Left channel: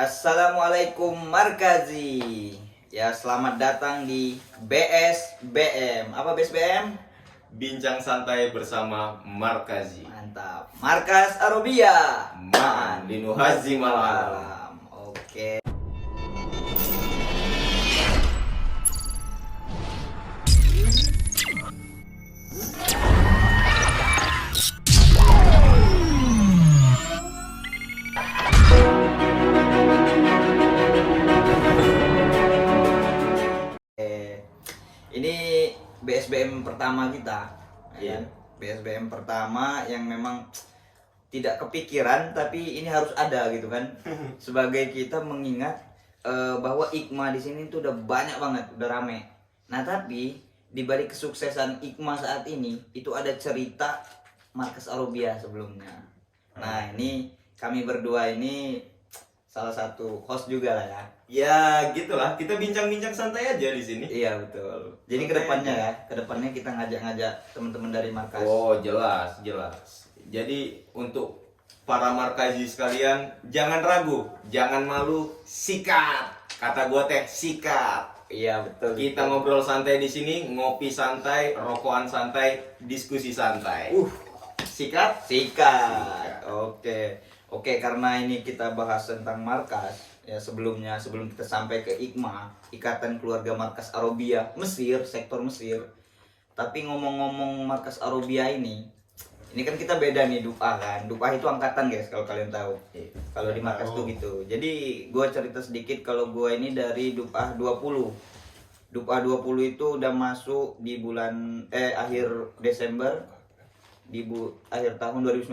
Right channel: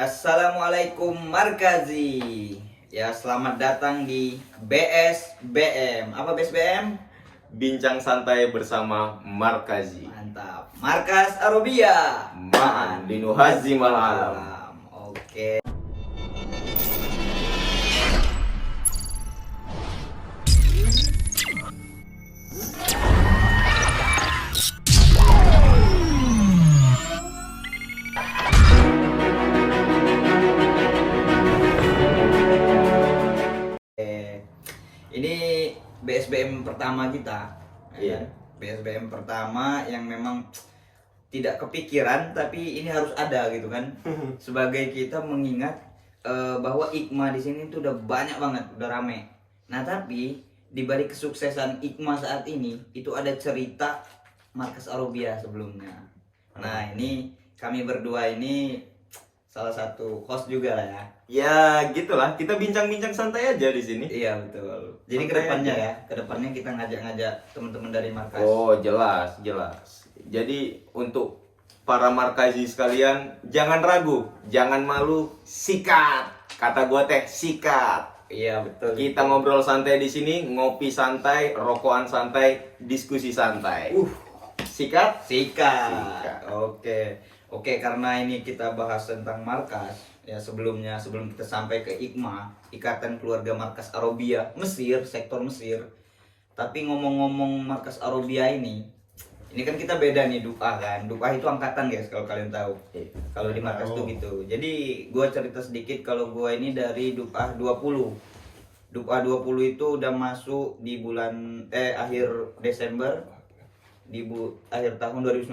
Assalamualaikum Markazi. Ya, selamat datang di BSBM. Apa BSBM? Bincang santai bersama Markazi. Mantap. Markas Arabia. Ma'an linuhazimal alam. Oke. Ini BSBM pertama kita. Iya. Ya. BSBM pertama yang memang tidak kepikiran tapi ini harus ada gitu kan. Sebagai kita mengingat bahwa IKMA di sini tuh udah banyak banget, udah rame. Nah, tapi di balik kesuksesan IKMA saat ini itu ada cerita Markas Arabia sebelumnya. Nah, ini kami berdua ini salah satu host juga lah ya. Ya, gitulah. Kita bincang-bincang santai aja di sini. Iya, betul. Jadi Santai kedepannya aja. ya, kedepannya kita ngajak-ngajak teman-teman dari Markas. Oh, jelas, jelas. Jadi untuk para Markazi sekalian, jangan ragu, jangan malu, sikat. Kata gua teh, sikat. Iya, betul. Kita ngobrol santai di sini, ngopi santai, rokokan santai, diskusi santai. Sikat? Sikat. Oke, karena ini kita bahas tentang Markas. Ya, sebelum kita sampai ke IKMA, Ikatan Keluarga Markas Arabia Mesir, sektor Mesir. Tapi ngomong-ngomong Markas Arabia ini kan kita beda nih Dupa kan. Dupa itu angkatan guys kalau kalian tahu. Kalau di Markas tuh gitu. Jadi gue cerita sedikit kalau gue ini dari Dupa 20. Dupa 20 itu udah masuk di bulan akhir Desember akhir tahun 2019.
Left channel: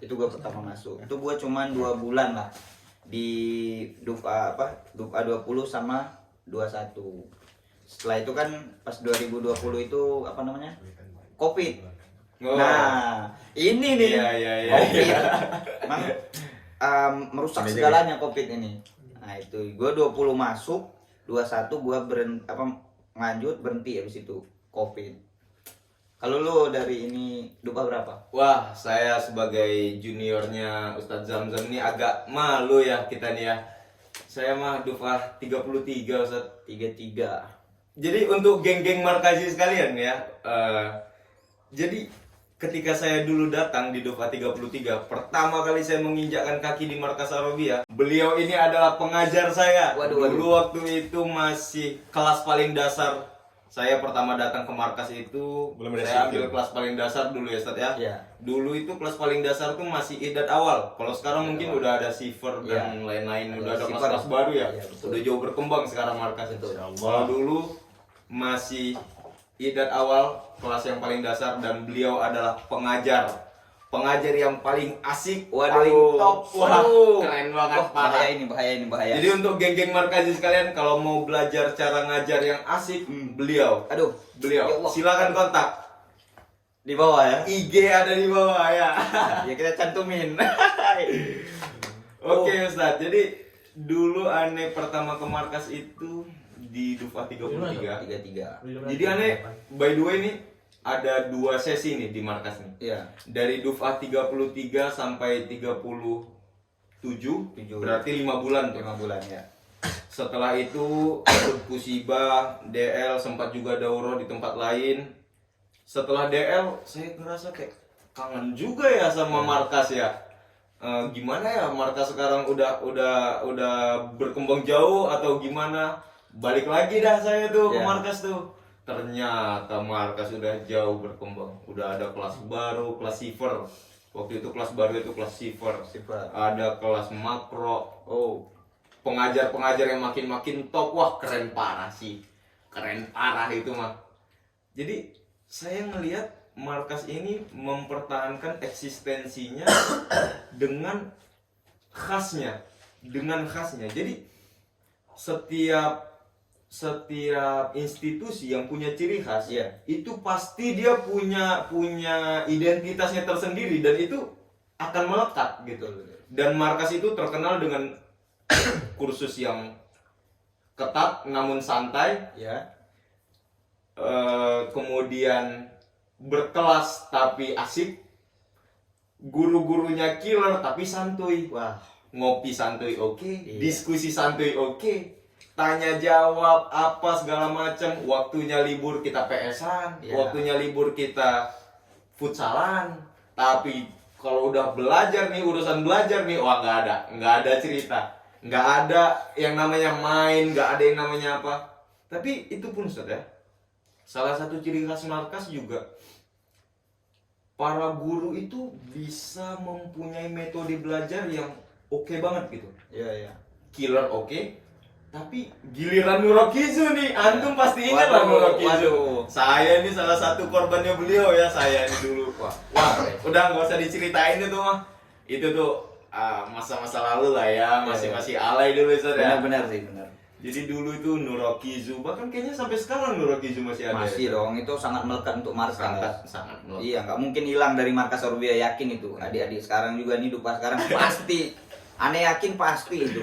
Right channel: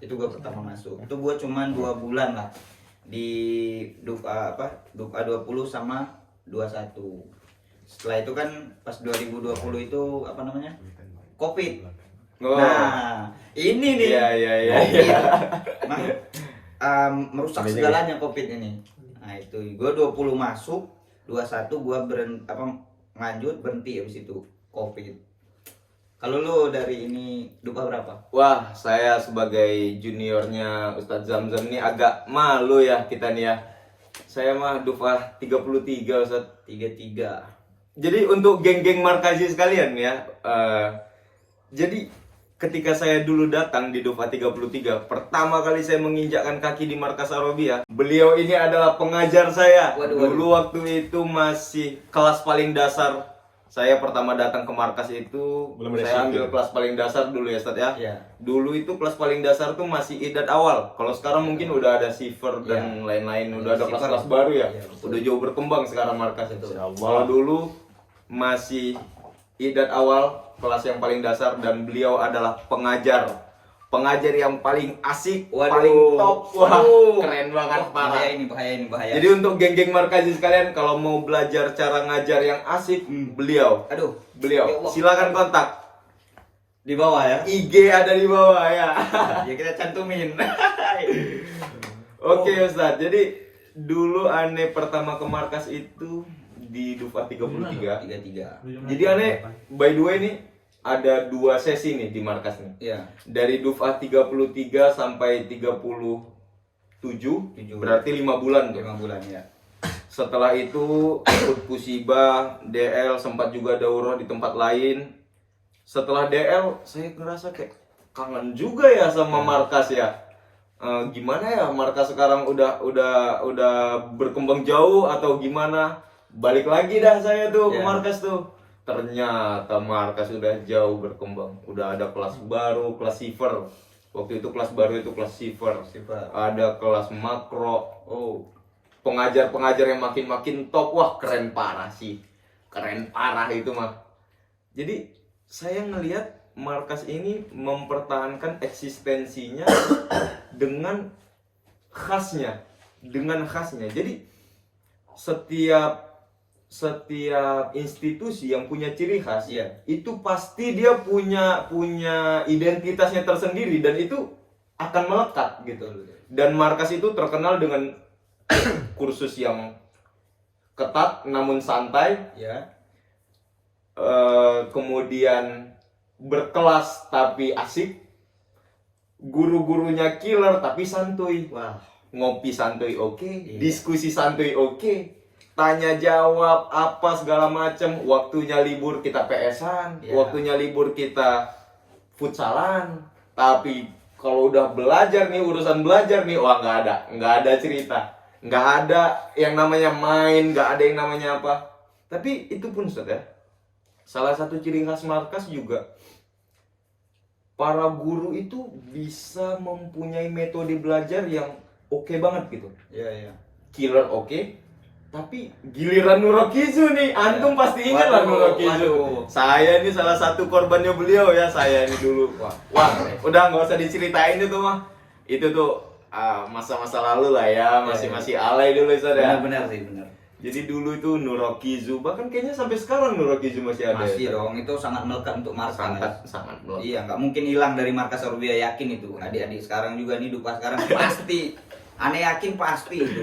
Itu gue pertama masuk. Itu gue cuman 2 bulan lah di Dupa 20 sama 21. Setelah itu kan pas 2020 itu apa namanya? Covid. Oh. Nah, ini nih. Iya. Emang, merusak segalanya Covid ini. Nah, itu gue 20 masuk, 21 gue lanjut berhenti habis itu Covid. Kalau lu dari ini Dupa berapa? Wah, saya sebagai juniornya Ustadz Zamzam ini agak malu ya kita nih ya. Saya mah Dufah 33 Ustadz. 33. Jadi untuk geng-geng Markazi sekalian ya, jadi ketika saya dulu datang di Dufah 33, pertama kali saya menginjakkan kaki di Markas Arabia, beliau ini adalah pengajar saya. Dulu waktu itu masih kelas paling dasar. Saya pertama datang ke markas itu, saya ambil kelas paling dasar dulu ya Ustadz ya. Iya. Dulu itu kelas paling dasar tuh masih idat awal. Kalau sekarang mungkin udah ada Siver dan lain-lain, udah ada kelas-kelas baru ya. Udah jauh berkembang sekarang markas itu. Kalau dulu masih idat awal, kelas yang paling dasar, dan beliau adalah pengajar yang paling asik, paling top. Wah, keren banget, parah. Bahaya. Jadi untuk geng-geng Markazi sekalian, kalau mau belajar cara ngajar yang asik, beliau. Silakan kontak. Di bawah ya. IG ada di bawah ya. Ya kita cantumin. Oke Ustadz, jadi dulu aneh pertama ke markas itu di Dufah 33. 33. Jadi aneh, by the way nih, ada 2 sesi nih di markas nih. Iya. Dari Dufah 33 sampai 37, berarti 5 bulan tuh. 5 bulan ya. Setelah itu ikut Pusibah, DL, sempat juga daurah di tempat lain. Setelah DL, saya ngerasa kayak kangen juga ya sama markas ya. Gimana ya markas sekarang udah berkembang jauh atau gimana? Balik lagi dah saya tuh ke markas tuh. Ternyata markas sudah jauh berkembang. Udah ada kelas baru, kelas Siver. Waktu itu kelas baru itu kelas Siver. Ada kelas makro. Pengajar-pengajar yang makin top. Wah, keren parah sih. Keren parah itu mah. Jadi saya ngelihat markas ini mempertahankan eksistensinya dengan khasnya. Jadi setiap institusi yang punya ciri khas, itu pasti dia punya identitasnya tersendiri dan itu akan melekat gitu. Dan markas itu terkenal dengan kursus yang ketat namun santai, kemudian berkelas tapi asik, guru-gurunya killer tapi santuy. Wah, ngopi santuy oke, Iya. diskusi santuy oke, tanya jawab apa segala macam, waktunya libur kita PS-an, Iya. waktunya libur kita futsalan. Tapi kalau udah belajar nih, urusan belajar nih, wah nggak ada cerita, nggak ada yang namanya main, nggak ada yang namanya apa. Tapi itu pun Ustaz ya, salah satu ciri khas markas juga para guru itu bisa mempunyai metode belajar yang oke banget gitu. Iya, iya. Killer oke, tapi giliran Nurokizu nih, antum pasti ingat lah Waduh, Nurokizu. waduh. Saya nih salah satu korbannya beliau ya, saya nih dulu. Wah. Wah, udah nggak usah diceritain itu mah. Itu tuh masa-masa lalu lah ya, masih alay dulu Ustaz ya. Benar sih, benar. Jadi dulu itu Nurokizu, bahkan kayaknya sampai sekarang Nurokizu masih ada. Masih ya, dong, itu sangat melekat untuk markas. sangat melekat. Iya, nggak mungkin hilang dari markas Orbia, yakin itu. Adik-adik sekarang juga nih, Dupa sekarang pasti. Aneh yakin pasti itu.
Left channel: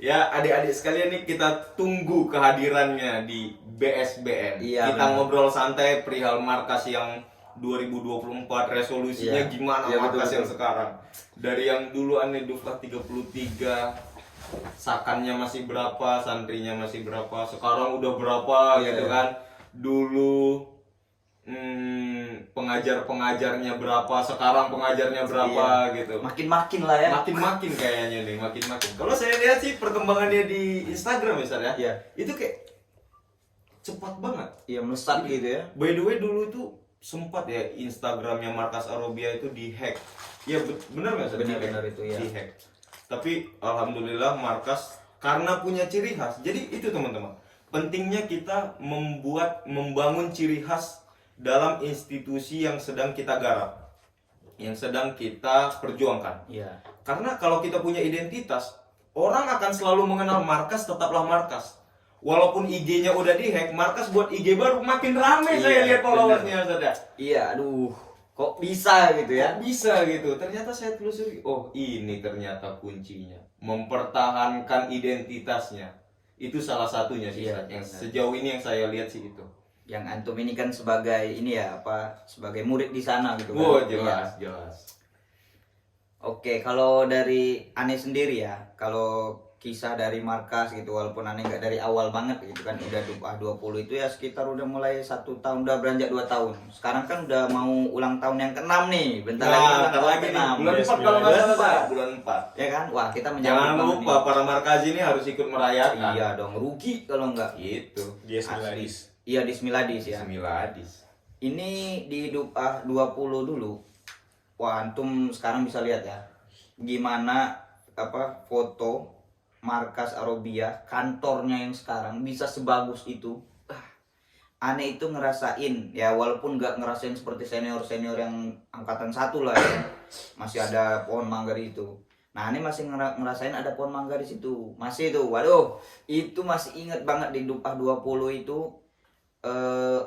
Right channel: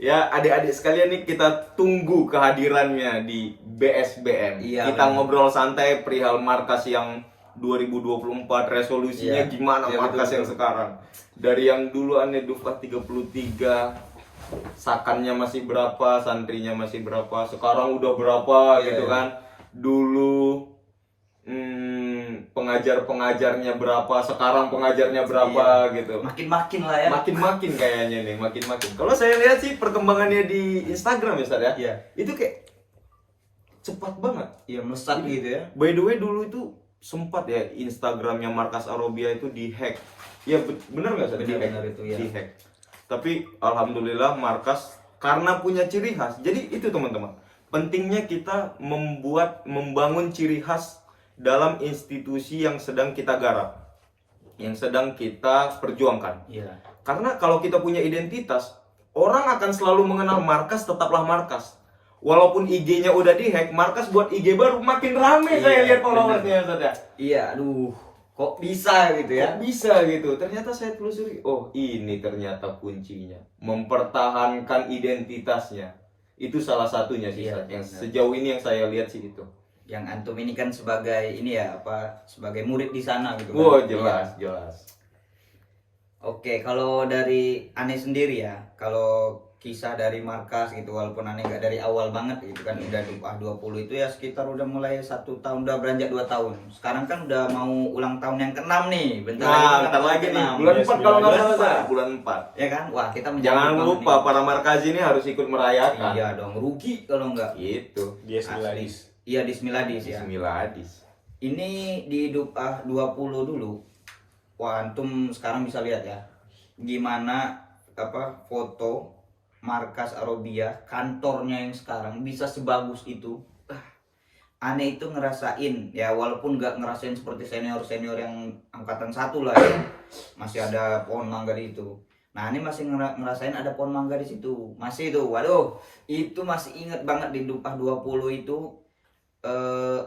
Ya, adik-adik sekalian nih, kita tunggu kehadirannya di BSBM. Iya, Kita benar. ngobrol santai perihal markas yang 2024, resolusinya Iya. gimana Iya, markas betul, yang betul. sekarang. Dari yang dulu aneh Dufat 33, sakannya masih berapa, santrinya masih berapa, sekarang udah berapa Iya, gitu iya. kan. Dulu pengajar-pengajarnya berapa, sekarang pengajarnya berapa gitu. Makin-makin lah ya. Makin-makin kayaknya nih, makin-makin. Kalau saya lihat sih perkembangannya di Instagram ya, Ustaz ya. Iya. Itu kayak cepat banget. Iya, melesat gitu ya. By the way, dulu itu sempat ya Instagramnya Markas Arobia itu dihack. Ya bener nggak Ustaz? Benar itu ya. Dihack. Tapi alhamdulillah Markas karena punya ciri khas. Jadi itu teman-teman. Pentingnya kita membangun ciri khas dalam institusi yang sedang kita garap, yang sedang kita perjuangkan. Iya. Karena kalau kita punya identitas, orang akan selalu mengenal Markas, tetaplah Markas. Walaupun IG-nya udah dihack, Markas buat IG baru makin rame. Iya, Saya lihat benar. followersnya saja. Iya, aduh. Kok bisa gitu ya? Kok bisa gitu? Ternyata saya telusuri, oh ini ternyata kuncinya. Mempertahankan identitasnya. Itu salah satunya sih, Iya, Ustaz. Yang benar. sejauh ini yang saya lihat sih itu. Yang antum ini kan sebagai ini ya, sebagai murid di sana gitu kan. Wah, Iya. jelas. Oke, kalau dari Ane sendiri ya, kalau kisah dari markas gitu, walaupun Ane nggak dari awal banget gitu kan, udah 20 itu ya sekitar udah mulai 1 tahun, udah beranjak 2 tahun. Sekarang kan udah mau ulang tahun yang ke-6 nih, bentar Nah, bentar lagi nih, bulan 4 kalau nggak salah, Ustaz. Bulan 4. Ya kan? Wah, kita menyambut Jangan banget lupa nih. para markas ini harus ikut merayakan. Iya dong, rugi kalau nggak. Gitu. Dia Asli. Miladis. Iya, di Smiladis ya. Bismillahirrahmanirrahim. Ini di Dupah 20 dulu. Wah, antum sekarang bisa lihat ya. Gimana foto markas Arobia, kantornya yang sekarang bisa sebagus itu. Aneh itu ngerasain ya, walaupun nggak ngerasain seperti senior-senior yang angkatan 1 lah ya. Masih ada pohon mangga di itu. Nah, ini masih ngerasain ada pohon mangga di situ. Masih itu. Waduh, itu masih inget banget di Dupah 20 itu.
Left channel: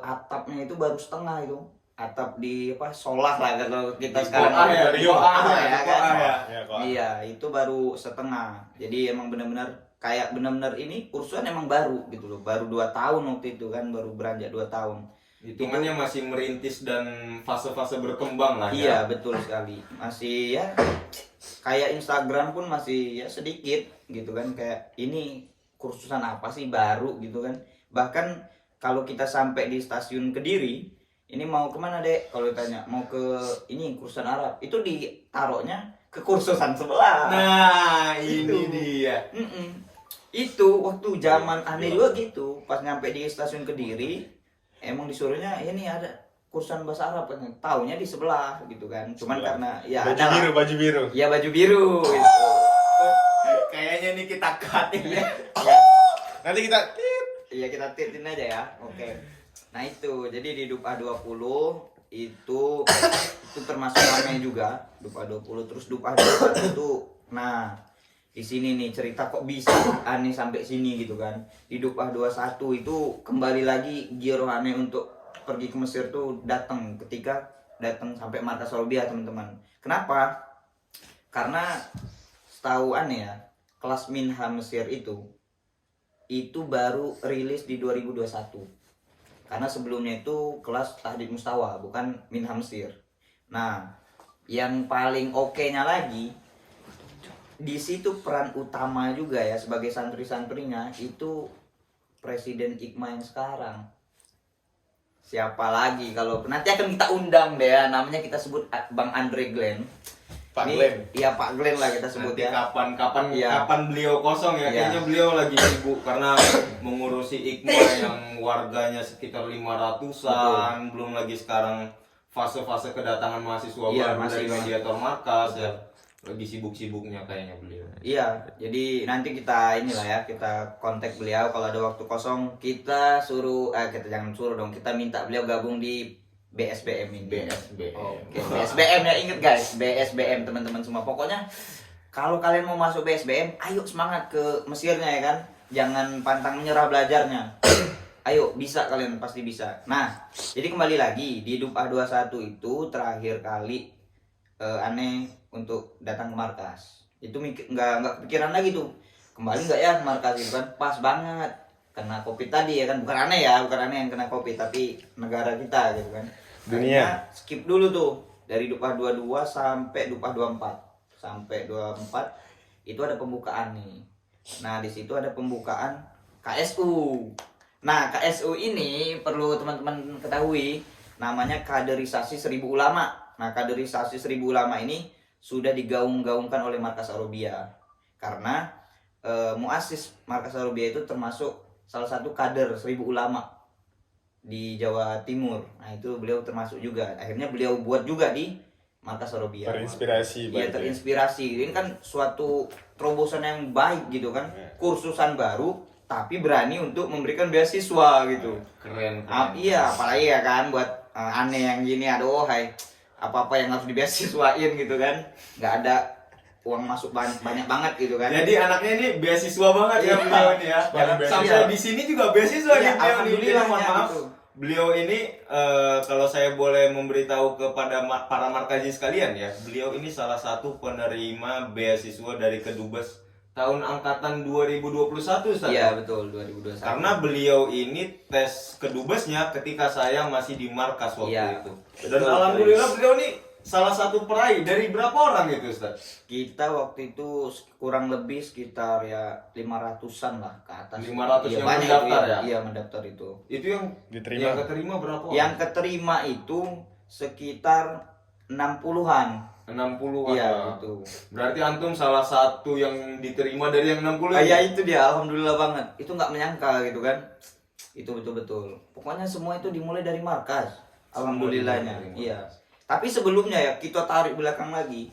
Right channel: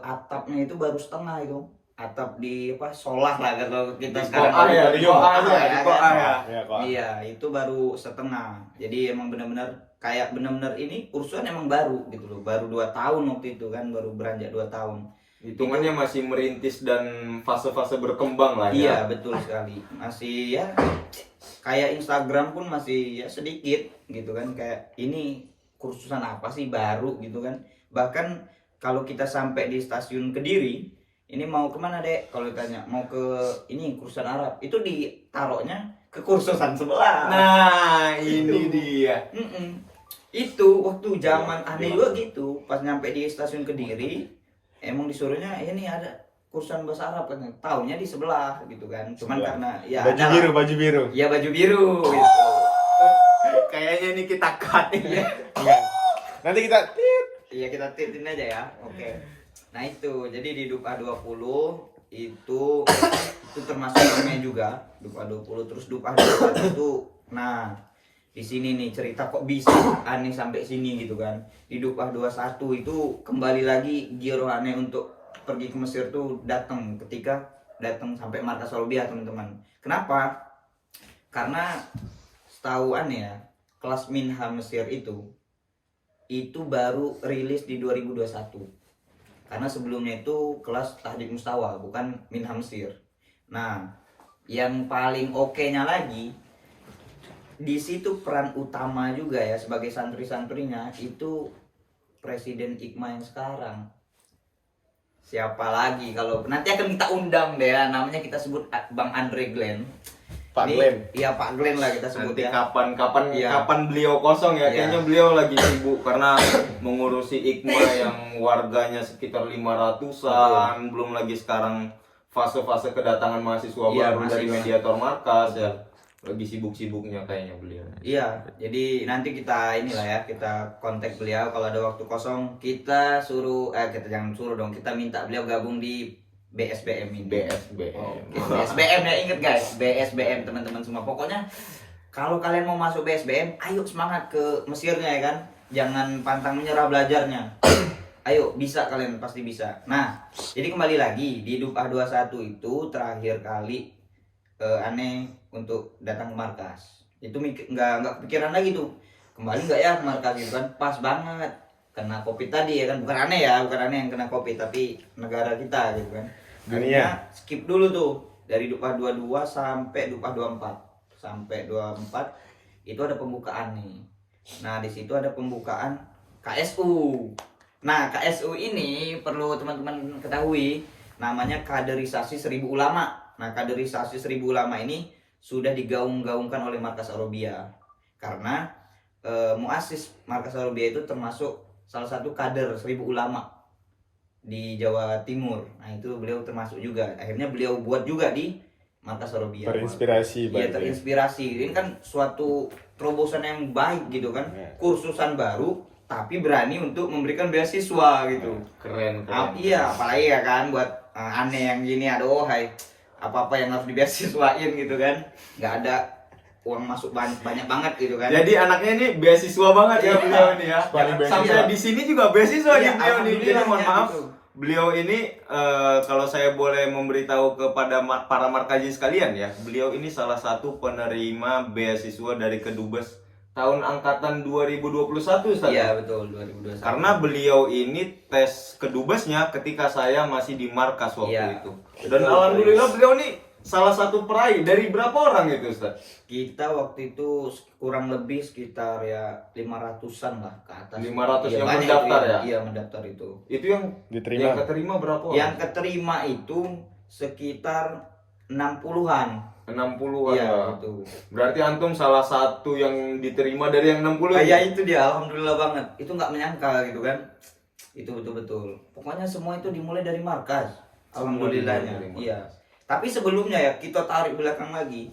Atapnya itu baru setengah itu, atap di solah lah kalau kita sekarang Koah ya, di koah ya, di kan? koah ya. Ya, kok. Iya, itu baru setengah. Jadi emang benar-benar kayak benar-benar ini kursuan emang baru gitu loh, baru 2 tahun waktu itu kan, baru beranjak 2 tahun. Hitungannya masih merintis dan fase-fase berkembang lah ya. Iya, betul sekali. Masih ya kayak Instagram pun masih ya sedikit gitu kan, kayak ini kursusan apa sih baru gitu kan. Bahkan kalau kita sampai di stasiun Kediri, ini mau kemana dek? Kalau ditanya mau ke ini kursusan Arab, itu ditaruhnya ke kursusan sebelah. Nah, ini Itu. dia. Itu waktu zaman Ane juga gitu, pas nyampe di stasiun Kediri, emang disuruhnya ini ada kursusan bahasa Arab kan, taunya di sebelah gitu kan. Cuman Sebelah. karena ya Baju ada biru, lah. baju biru. Ya baju biru gitu. Kayaknya nih kita cut ini. Nanti kita Iya, kita titin aja ya. Oke. Nah, itu. Jadi di Dupah 20 itu termasuk ramai juga. Dupah 20 terus Dupah 21. Nah, di sini nih cerita kok bisa Aneh sampai sini gitu kan. Di Dupah 21 itu kembali lagi giro Aneh untuk pergi ke Mesir tuh datang sampai markas Solbia, teman-teman. Kenapa? Karena setahu Aneh ya, kelas Minha Mesir itu baru rilis di 2021. Karena sebelumnya itu kelas Tahdid Mustawa, bukan Minha Mesir. Nah, yang paling oke-nya lagi, di situ peran utama juga ya sebagai santri-santrinya itu Presiden IKMA yang sekarang. Siapa lagi kalau nanti akan kita undang deh ya, namanya kita sebut Bang Andre Glenn. Pak Ini- Glenn. Iya Pak Glenn lah kita sebut Nanti ya. kapan Iya. beliau kosong ya? Iya. Kayaknya beliau lagi sibuk karena mengurusi IKMA yang warganya sekitar 500-an, belum lagi sekarang fase-fase kedatangan mahasiswa Iya, baru dari mahasiswa. mediator markas ya. Lagi sibuk-sibuknya kayaknya beliau. Iya, jadi nanti kita inilah ya, kita kontak beliau kalau ada waktu kosong, kita suruh kita jangan suruh dong, kita minta beliau gabung di BSBM ini. BSBM. BSBM ya, inget guys, BSBM teman-teman semua. Pokoknya kalau kalian mau masuk BSBM, ayo semangat ke Mesirnya ya kan. Jangan pantang menyerah belajarnya. Ayo, bisa kalian pasti bisa. Nah, jadi kembali lagi di Dupah 21 itu terakhir kali aneh untuk datang ke markas. Itu nggak kepikiran lagi tuh. Kembali nggak ya ke markas itu kan pas banget. Kena Covid tadi ya kan, bukan aneh ya, bukan aneh yang kena Covid tapi negara kita gitu kan. Dunia. Akhirnya skip dulu tuh dari Dupah 22 sampai Dupah 24. Sampai 24 itu ada pembukaan nih. Nah, di situ ada pembukaan KSU. Nah, KSU ini perlu teman-teman ketahui namanya kaderisasi 1000 ulama. Nah, kaderisasi 1000 ulama ini sudah digaung-gaungkan oleh Markas Arobia. Karena muassis Markas Arobia itu termasuk salah satu kader 1000 ulama di Jawa Timur. Nah, itu beliau termasuk juga. Akhirnya beliau buat juga di Markas Arobia. Terinspirasi Iya, berarti. terinspirasi. Ini kan suatu terobosan yang baik gitu kan. Iya. Kursusan baru tapi berani untuk memberikan beasiswa gitu. Keren. Iya, apalagi ya kan buat aneh yang gini, aduh hai. Apa-apa yang harus dibeasiswain gitu kan. Nggak ada uang masuk banyak banget gitu kan. Jadi anaknya ini beasiswa banget ya Iya. beliau ini ya. Paling beasiswa. Sampai di sini juga beasiswa Iya, nih beliau nih. Jadi alhamdulillah mohon ya, maaf, gitu. beliau ini kalau saya boleh memberitahu kepada para markaji sekalian ya, beliau ini salah satu penerima beasiswa dari Kedubes tahun angkatan 2021 Ustaz. Iya, betul 2021. Karena beliau ini tes kedubesnya ketika saya masih di markas waktu Iya. itu. Dan Betul, alhamdulillah beliau ini salah satu peraih dari berapa orang itu Ustaz? kita waktu itu kurang lebih sekitar ya 500-an lah ke atas. 500 yang banyak mendaftar itu ya? Iya, mendaftar itu. Itu yang Diterima. keterima berapa orang? Yang keterima itu sekitar 60-an. 60-an Iya, ya. itu. Berarti antum salah satu yang diterima dari yang 60 Oh ini? ya itu dia, alhamdulillah banget. Itu nggak menyangka gitu kan. Itu betul-betul. Pokoknya semua itu dimulai dari markas. Semua dimulai Alhamdulillahnya. dari markas. Iya. Tapi sebelumnya ya kita tarik belakang lagi.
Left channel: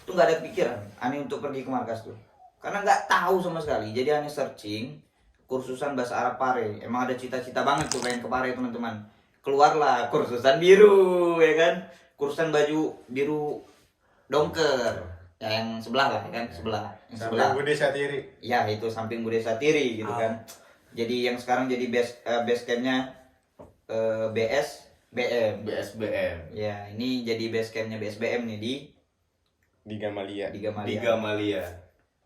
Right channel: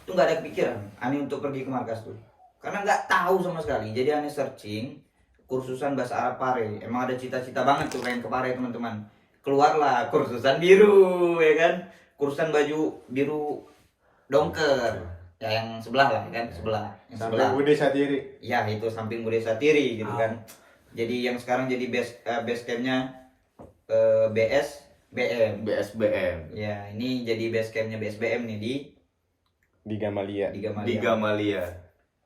Itu nggak ada pikiran Ani untuk pergi ke markas tuh. Karena nggak tahu sama sekali. Jadi Ani searching kursusan bahasa Arab Pare. Emang ada cita-cita banget tuh pengen ke Pare teman-teman. Keluarlah kursusan biru ya kan. Kursusan baju biru dongker. Ya yang sebelah lah kan, sebelah. Yang Sampai sebelah. Budi Satiri. Ya itu samping Bude Satiri gitu kan. Jadi yang sekarang jadi base campnya BSBM. BSBM. Ya ini jadi base campnya BSBM nih Di Gamalia. di Di Gamalia. Gamalia.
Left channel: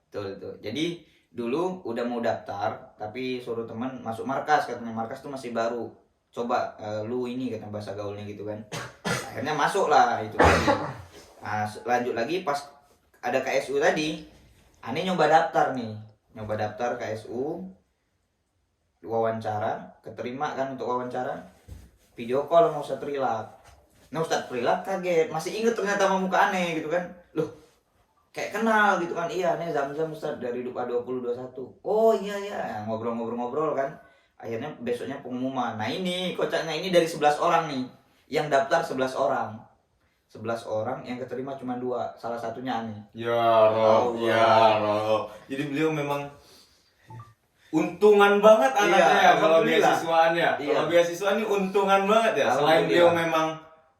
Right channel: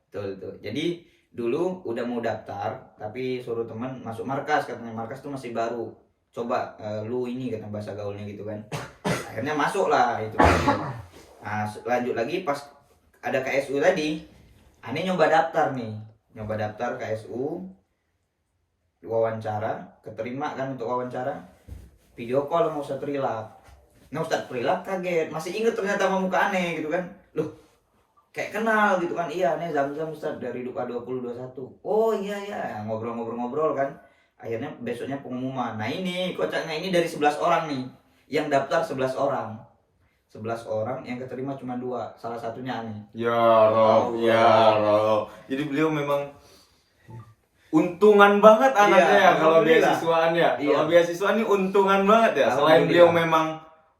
Betul tuh. Jadi dulu udah mau daftar tapi suruh teman masuk markas, katanya markas tuh masih baru. Coba lu ini kata bahasa gaulnya gitu kan. Akhirnya masuk lah itu tadi. Nah, lanjut lagi pas ada KSU tadi. Aneh nyoba daftar nih. Nyoba daftar KSU. Wawancara, keterima kan untuk wawancara. Video call sama Ustadz Rilak. Nah Ustadz Rilak kaget, masih inget ternyata sama muka Aneh gitu kan. Loh, kayak kenal gitu kan. Iya, Aneh Zam-Zam Ustadz dari Dupa 2021. Oh iya ya, ngobrol-ngobrol kan. Akhirnya besoknya pengumuman. Nah ini kocaknya ini dari 11 orang nih. Yang daftar 11 orang. 11 orang yang keterima cuma 2. Salah satunya Aneh. Ya Rob, Allah. ya Rob. Jadi beliau memang untungan banget anaknya Iya, ya kalau alhamdulillah. beasiswaan ya. Iya. Kalau beasiswa ini untungan banget ya. Selain beliau Alhamdulillah.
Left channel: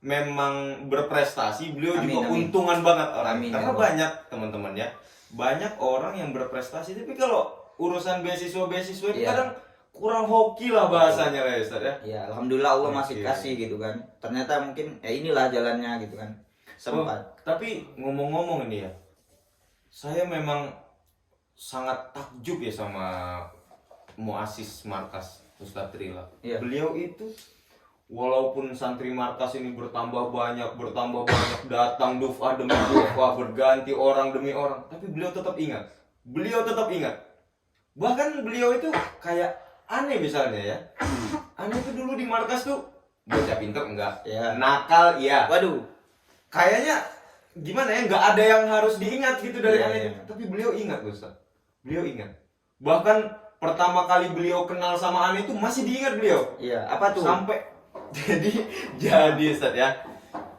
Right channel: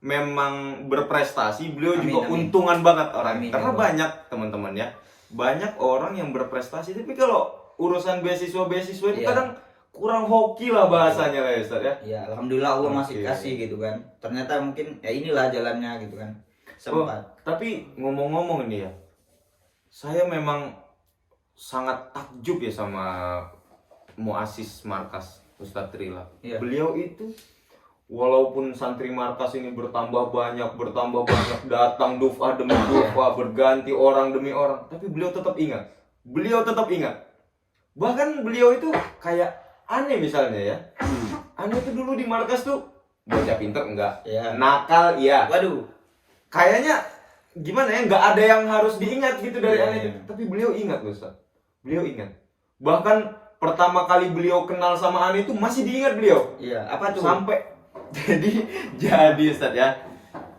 memang berprestasi, beliau Amin, juga amin. untungan banget orang. Amin, Karena ya Allah. banyak teman-teman ya. Banyak orang yang berprestasi tapi kalau urusan beasiswa itu Iya. kadang kurang hoki lah bahasanya ya Ustaz ya. Ya alhamdulillah Allah masih Oke. kasih gitu kan. Ternyata mungkin ya inilah jalannya gitu kan. Sempat. Tapi ngomong-ngomong ini ya, saya memang sangat takjub ya sama muassis markas Ustadz Rila. Iya. Beliau itu walaupun santri markas ini bertambah banyak datang duf'ah demi duf'ah, berganti orang demi orang, tapi beliau tetap ingat. Bahkan beliau itu kayak aneh misalnya ya. Aneh itu dulu di markas tuh bocah pinter enggak, Ya. nakal iya. Waduh. Kayaknya gimana ya, nggak ada yang harus diingat gitu dari Iya, aneh itu. iya. Tapi beliau ingat loh Ustaz. Beliau ingat. Bahkan pertama kali beliau kenal sama aneh itu masih diingat beliau. Iya, apa tuh? Sampai jadi Ustaz ya.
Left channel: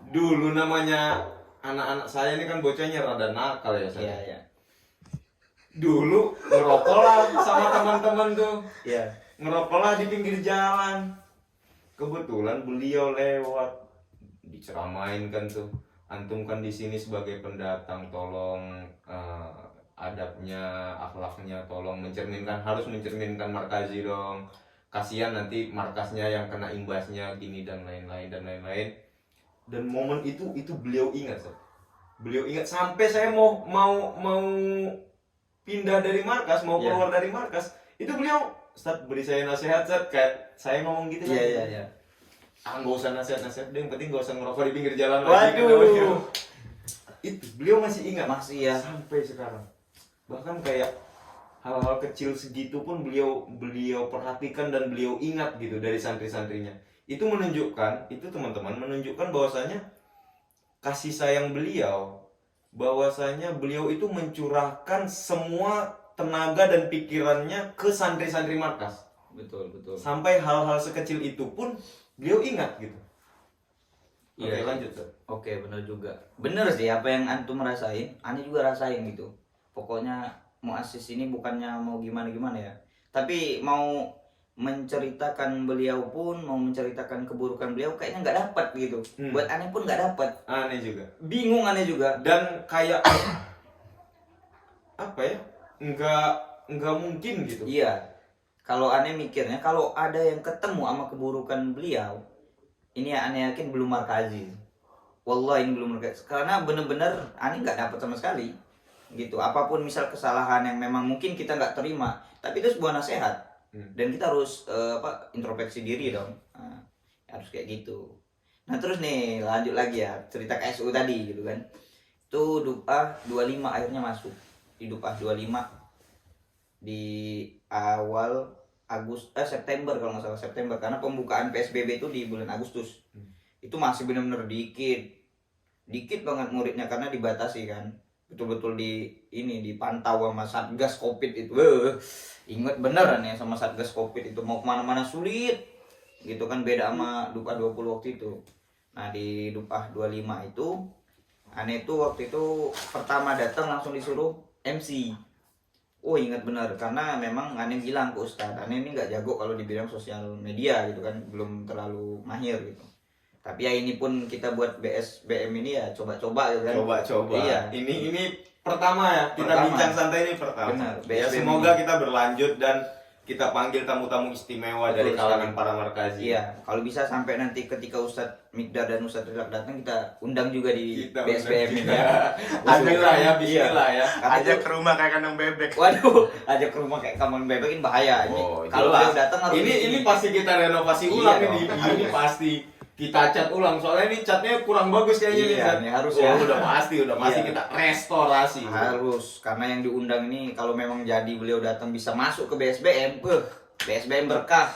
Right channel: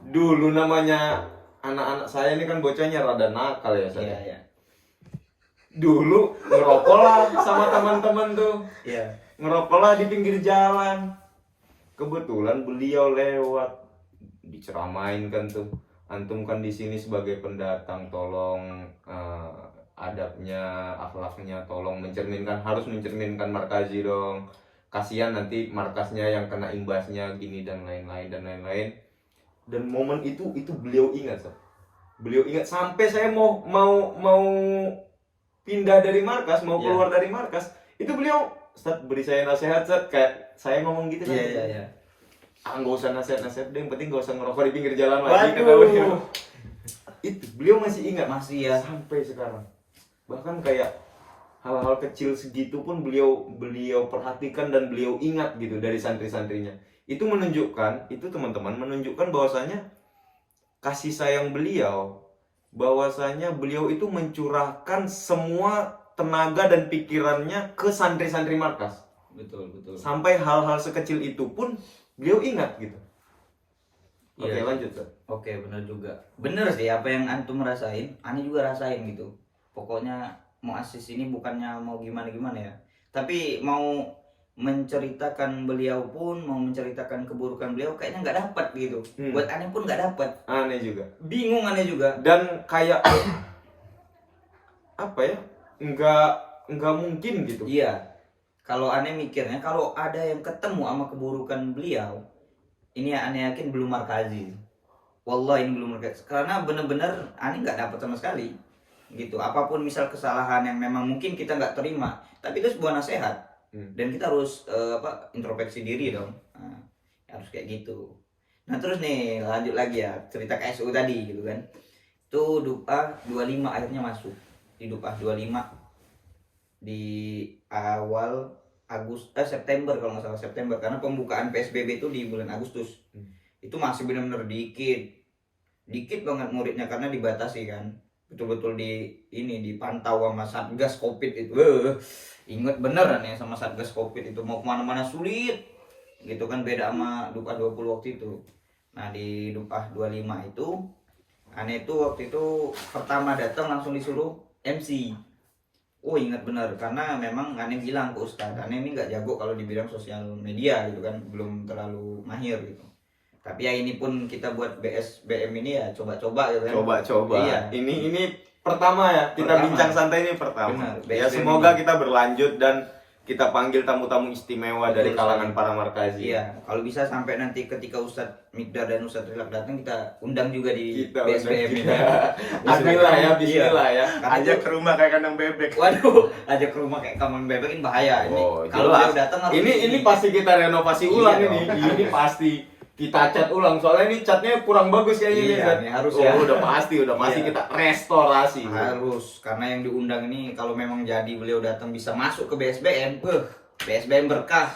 Dulu namanya anak-anak saya ini kan bocahnya rada nakal ya Ustaz. Iya, iya. Dulu ngerokok lah sama teman-teman tuh. Iya. Ngerokok lah di pinggir jalan. Kebetulan beliau lewat, diceramain kan tuh. Antum kan di sini sebagai pendatang, tolong adabnya, akhlaknya tolong harus mencerminkan markazi dong. Kasihan nanti markasnya yang kena imbasnya gini dan lain-lain. Dan momen itu beliau ingat, Sob. Beliau ingat sampai saya mau pindah dari markas, mau keluar dari markas, itu beliau, Ustaz, beri saya nasihat, Ustaz, kayak saya ngomong gitu kan. Iya. Nggak usah nasihat deh, yang penting nggak usah ngerokok di pinggir jalan lagi. Waduh. Itu beliau masih ingat, Masih ya. sampai sekarang. Bahkan kayak hal-hal kecil segitu pun beliau perhatikan dan beliau ingat gitu dari santri-santrinya. Itu menunjukkan, itu teman-teman menunjukkan bahwasanya kasih sayang beliau, bahwasanya beliau itu mencurahkan semua tenaga dan pikirannya ke santri-santri markas. Betul. Sampai hal-hal sekecil itu pun beliau ingat gitu. Oke, Iya. lanjut, Ustaz. Oke, benar juga. Bener sih apa yang antum rasain, Ani juga rasain gitu. Pokoknya mau asis ini bukannya mau gimana ya, tapi mau menceritakan beliau pun, mau menceritakan keburukan beliau kayaknya nggak dapat gitu. Buat Ani pun nggak dapat. Aneh juga. Bingung Ani juga. Dan kayak apa ya? Enggak mungkin gitu. Iya. Kalau Ani mikirnya kalau ada yang ketemu sama keburukan beliau, ini ya Ani yakin belum markazi. Wallahi ini belum markazi. Karena bener-bener Ani nggak dapat sama sekali. Gitu. Apapun misal kesalahan yang memang mungkin kita nggak terima, tapi itu sebuah nasihat. Dan kita harus introspeksi diri dong. Nah, harus kayak gitu. Nah terus nih lanjut lagi ya cerita KSU tadi gitu kan. Itu Dupah 25 akhirnya masuk. Di Dupah 25 di awal September kalau nggak salah September, karena pembukaan PSBB itu di bulan Agustus. Itu masih benar-benar dikit banget muridnya karena dibatasi kan. Betul-betul dipantau sama Satgas Covid itu. Ingat beneran ya sama Satgas Covid itu, mau kemana-mana sulit gitu kan, beda sama Dupah 20 waktu itu. Nah di Dupah 25 itu Ane itu waktu itu pertama datang langsung disuruh MC. Oh ingat benar, karena memang Ane bilang ke Ustadz, Ane ini nggak jago kalau di bidang sosial media gitu kan, belum terlalu mahir gitu. Tapi ya ini pun kita buat BSBM ini ya coba-coba gitu kan. Coba-coba. Iya. Ini pertama ya, kita bincang santai ini pertama. Benar, Ya BSBM. semoga kita berlanjut dan kita panggil tamu-tamu istimewa Betul dari kalangan sekali. para markazi. Iya, kalau bisa sampai nanti ketika Ustadz Mikdar dan Ustadz Rilak datang kita undang juga di Kita BSBM undang. juga. Bismillah ya, Iya. bismillah ya. Karena Ajak itu- ke rumah kayak kandang bebek. Waduh, ajak ke rumah kayak kamar bebek ini bahaya. Ini Oh, kalau jelas. dia datang harus Ini pasti kita renovasi ulang Iya ini. dong. Ini pasti kita cat ulang. Soalnya ini catnya kurang bagus kayaknya Iya, nih. Zat. ini harus Oh, ya. udah pasti Iya. kita restorasi. harus, karena yang diundang ini kalau memang jadi beliau datang bisa masuk ke BSBM, BSBM berkah.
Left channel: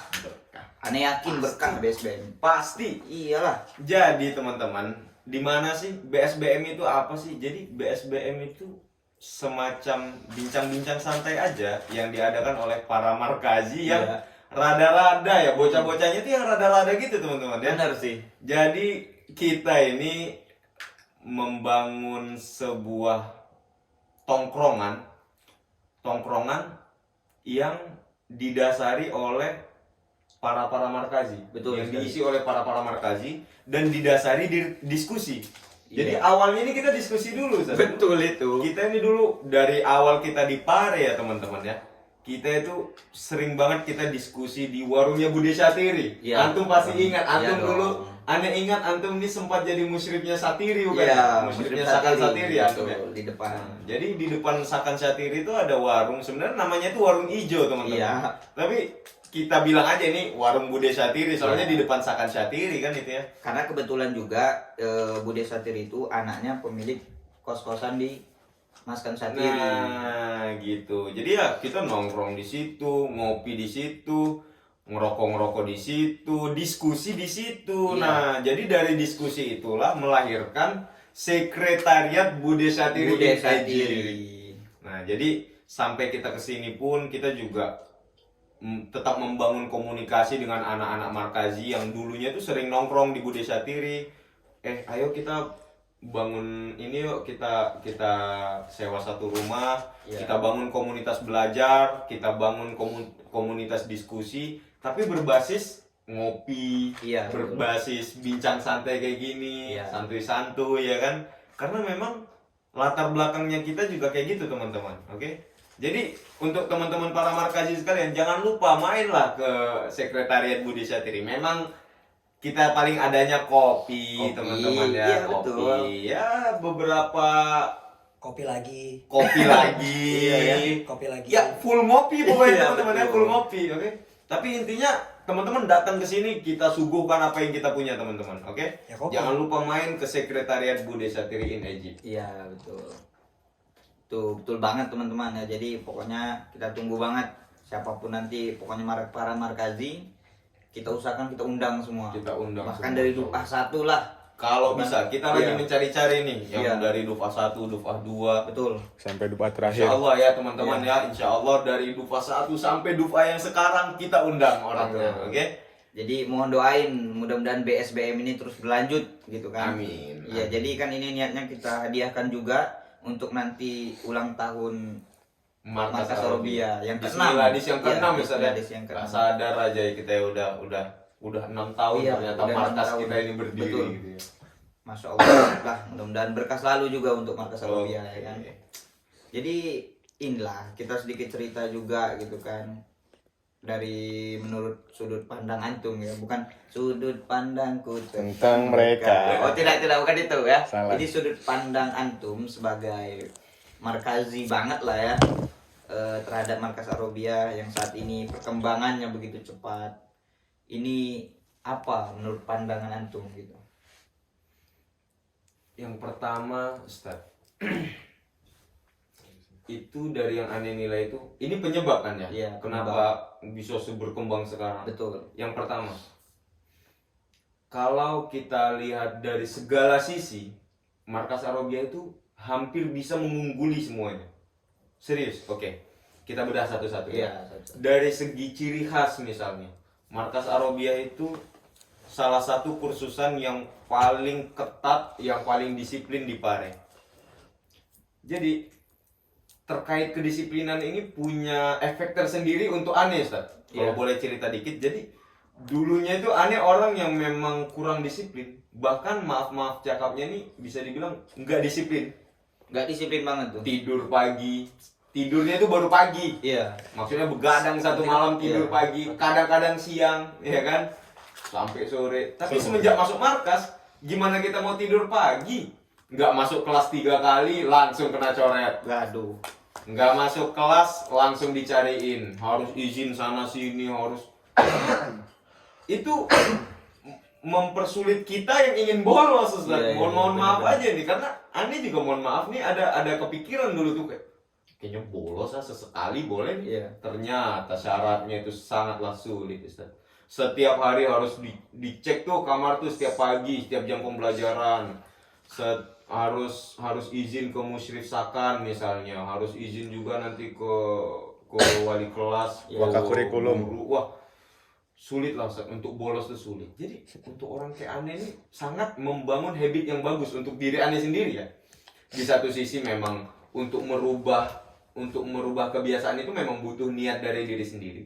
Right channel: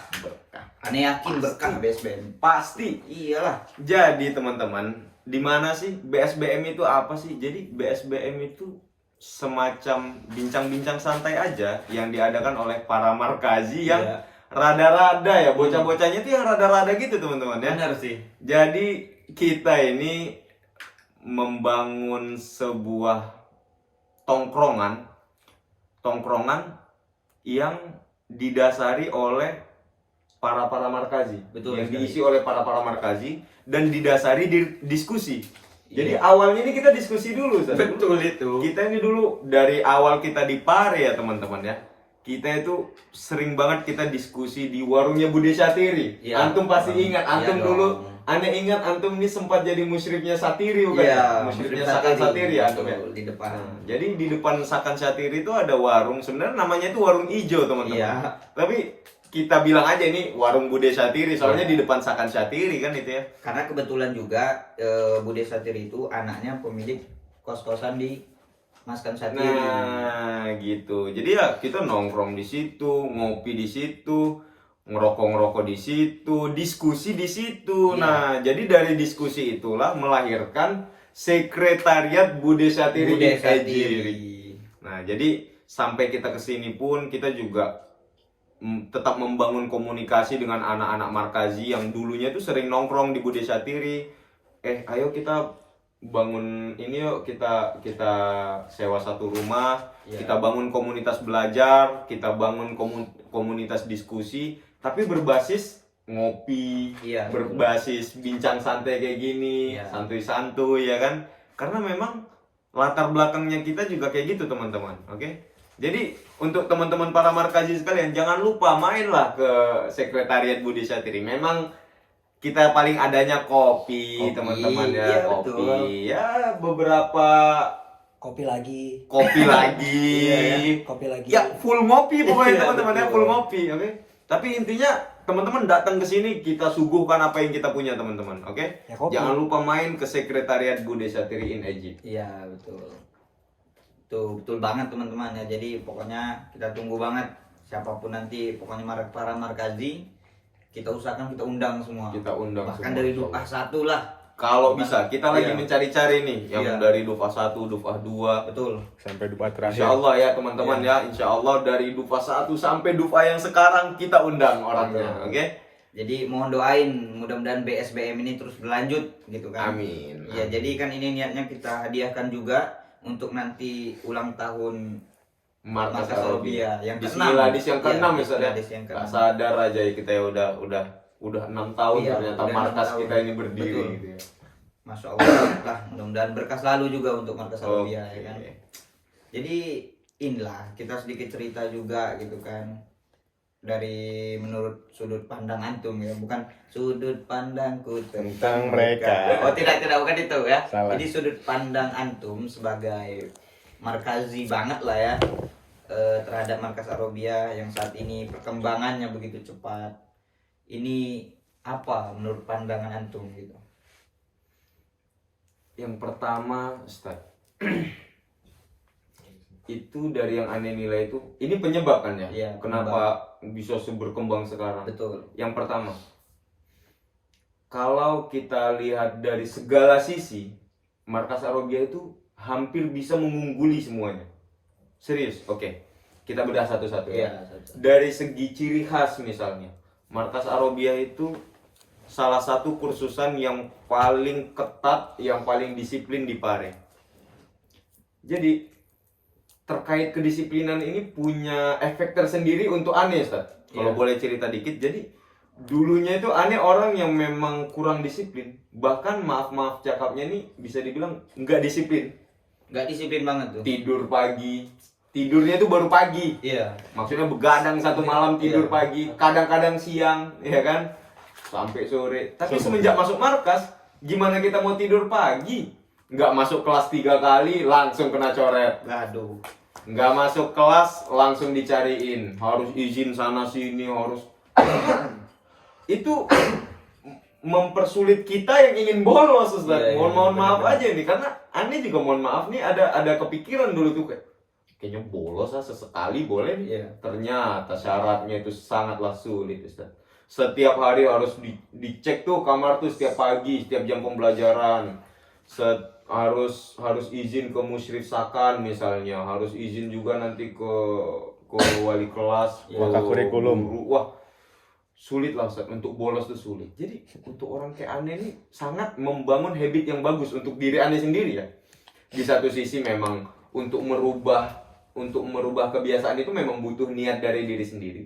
Aneh yakin berkah BSBM. Pasti. Iyalah. Jadi teman-teman, di mana sih BSBM itu apa sih? Jadi BSBM itu semacam bincang-bincang santai aja yang diadakan oleh para markazi yang Iya. rada-rada ya, bocah-bocahnya itu yang rada-rada gitu teman-teman ya. Benar sih. Jadi kita ini membangun sebuah tongkrongan yang didasari oleh para markazi, Betul yang sekali. diisi oleh para markazi dan didasari di diskusi. Jadi Iya. awalnya ini kita diskusi dulu, Ustaz. Betul itu. Kita ini dulu dari awal kita di Pare ya teman-teman ya. Kita itu sering banget kita diskusi di warungnya Bude Syatiri. Iya. Antum pasti ingat, Iya antum dong. dulu Ane ingat antum ini sempat jadi musyrifnya Satiri bukan? Iya, ya? Musyrifnya Sakan Satiri ya antum ya. betul, di depan. Jadi di depan Sakan Satiri itu ada warung, sebenarnya namanya itu warung ijo teman-teman. Iya. Tapi kita bilang aja ini warung Bude Satiri, soalnya Iya. di depan Sakan Satiri kan itu ya. Karena kebetulan juga Bude Satiri itu anaknya pemilik kos-kosan di Maskan Satiri. Nah, gitu. Jadi ya kita nongkrong di situ, ngopi di situ, ngerokok di situ, diskusi di situ. Iya. Nah, jadi dari diskusi itulah melahirkan Sekretariat Bude Satiri Bude in Satiri. Ejiri. Nah, jadi sampai kita kesini pun kita juga tetap membangun komunikasi dengan anak-anak Markazi yang dulunya tuh sering nongkrong di Bude Satiri. Ayo kita bangun ini yuk, kita sewa satu rumah, Iya. kita bangun komunitas belajar, kita bangun komunitas diskusi, tapi berbasis ngopi, Iya, berbasis bincang santai kayak gini, Iya. santuy-santuy ya kan? Karena memang latar belakangnya kita juga kayak gitu teman-teman, oke? Jadi untuk teman-teman para Markazi sekalian jangan lupa mainlah ke Sekretariat Bude Satiri. Memang kita paling adanya kopi, Kopi, teman-teman ya, iya, kopi. betul. Ya beberapa Kopi lagi. kopi lagi. Iya, kopi lagi. Ya full ngopi pokoknya Iya, teman-teman ya, betul. full ngopi, oke? Tapi intinya teman-teman datang ke sini kita suguhkan apa yang kita punya teman-teman, oke? Ya, kopi. Jangan lupa main ke Sekretariat Bude Satiri in Egypt. Iya, betul. Tuh, betul banget teman-teman ya. Jadi pokoknya kita tunggu banget siapapun nanti, pokoknya para Markazi kita usahakan kita undang semua. Kita undang Bahkan semua, dari insya Dufah Allah. 1 lah. Kalau bisa, kita lagi Iya. mencari-cari nih yang Iya. dari Dufah 1, Dufah 2. Betul. Sampai debat terakhir. Insya Allah ya teman-teman ya, Insya Allah dari Dufah 1 sampai Dufah yang sekarang kita undang orangnya, Betul. oke? Jadi mohon doain mudah-mudahan BSBM ini terus berlanjut gitu kan. Amin. Iya, jadi kan ini niatnya kita hadiahkan juga untuk nanti ulang tahun Markas Markas Arabia Arabia yang di ke-6. Miladis yang ke-6 ya, Ustaz ya. Miladis yang Gak ke-6. sadar aja ya kita ya udah 6 tahun Iya, ternyata udah 6 markas tahun. kita ini berdiri Betul. gitu ya. Masya Allah lah, mudah-mudahan berkah selalu juga untuk Markas Arabia Oke. ya kan. Jadi inilah kita sedikit cerita juga gitu kan dari menurut sudut pandang antum ya, bukan sudut pandangku Tentang mereka. Oh tidak bukan itu ya. Salah. Jadi sudut pandang antum sebagai Markazi banget lah ya terhadap Markas Arabia yang saat ini perkembangannya begitu cepat. Ini apa menurut pandangan antum gitu? Yang pertama, Ustaz. Itu dari yang aneh nilai itu, ini penyebab kan ya? Iya, Kenapa bisa berkembang sekarang? Betul. Yang pertama, kalau kita lihat dari segala sisi, Markas Arabia itu hampir bisa mengungguli semuanya. Serius, oke. Kita bedah satu-satu ya. Iya, Dari segi ciri khas misalnya, Markas Arabia itu salah satu kursusan yang paling ketat, yang paling disiplin di Pare. Jadi terkait kedisiplinan ini punya efek tersendiri untuk Ane, Ustaz. Kalau Iya. boleh cerita dikit, jadi dulunya itu Ane orang yang memang kurang disiplin. Bahkan maaf cakapnya nih bisa dibilang nggak disiplin. Nggak disiplin banget tuh. Tidur pagi, tidurnya itu baru pagi. Iya. Maksudnya begadang satu malam tidur Iya. pagi, kadang-kadang siang, ya kan? Sampai sore. Tapi semenjak masuk markas, gimana kita mau tidur pagi? Nggak masuk kelas 3 kali, langsung kena coret. Gaduh. Nggak masuk kelas, langsung dicariin. Harus izin sana sini, harus... Itu mempersulit kita yang ingin bolos, Ustaz. Iya, iya, Mohon maaf benar-benar. aja nih, karena Ani juga mohon maaf nih, ada kepikiran dulu tuh kayak, kayaknya bolos lah sesekali boleh nih. Iya. Ternyata syaratnya itu sangatlah sulit, Ustaz. Setiap hari harus dicek tuh kamar tuh setiap pagi, setiap jam pembelajaran. Harus izin ke musyrif sakan misalnya, harus izin juga nanti ke wali kelas, ke Wakakurikulum. guru. Wah, sulit lah Ustaz, untuk bolos tuh sulit. Jadi untuk orang kayak Ane ini sangat membangun habit yang bagus untuk diri Ane sendiri ya. Di satu sisi memang untuk merubah kebiasaan itu memang butuh niat dari diri sendiri.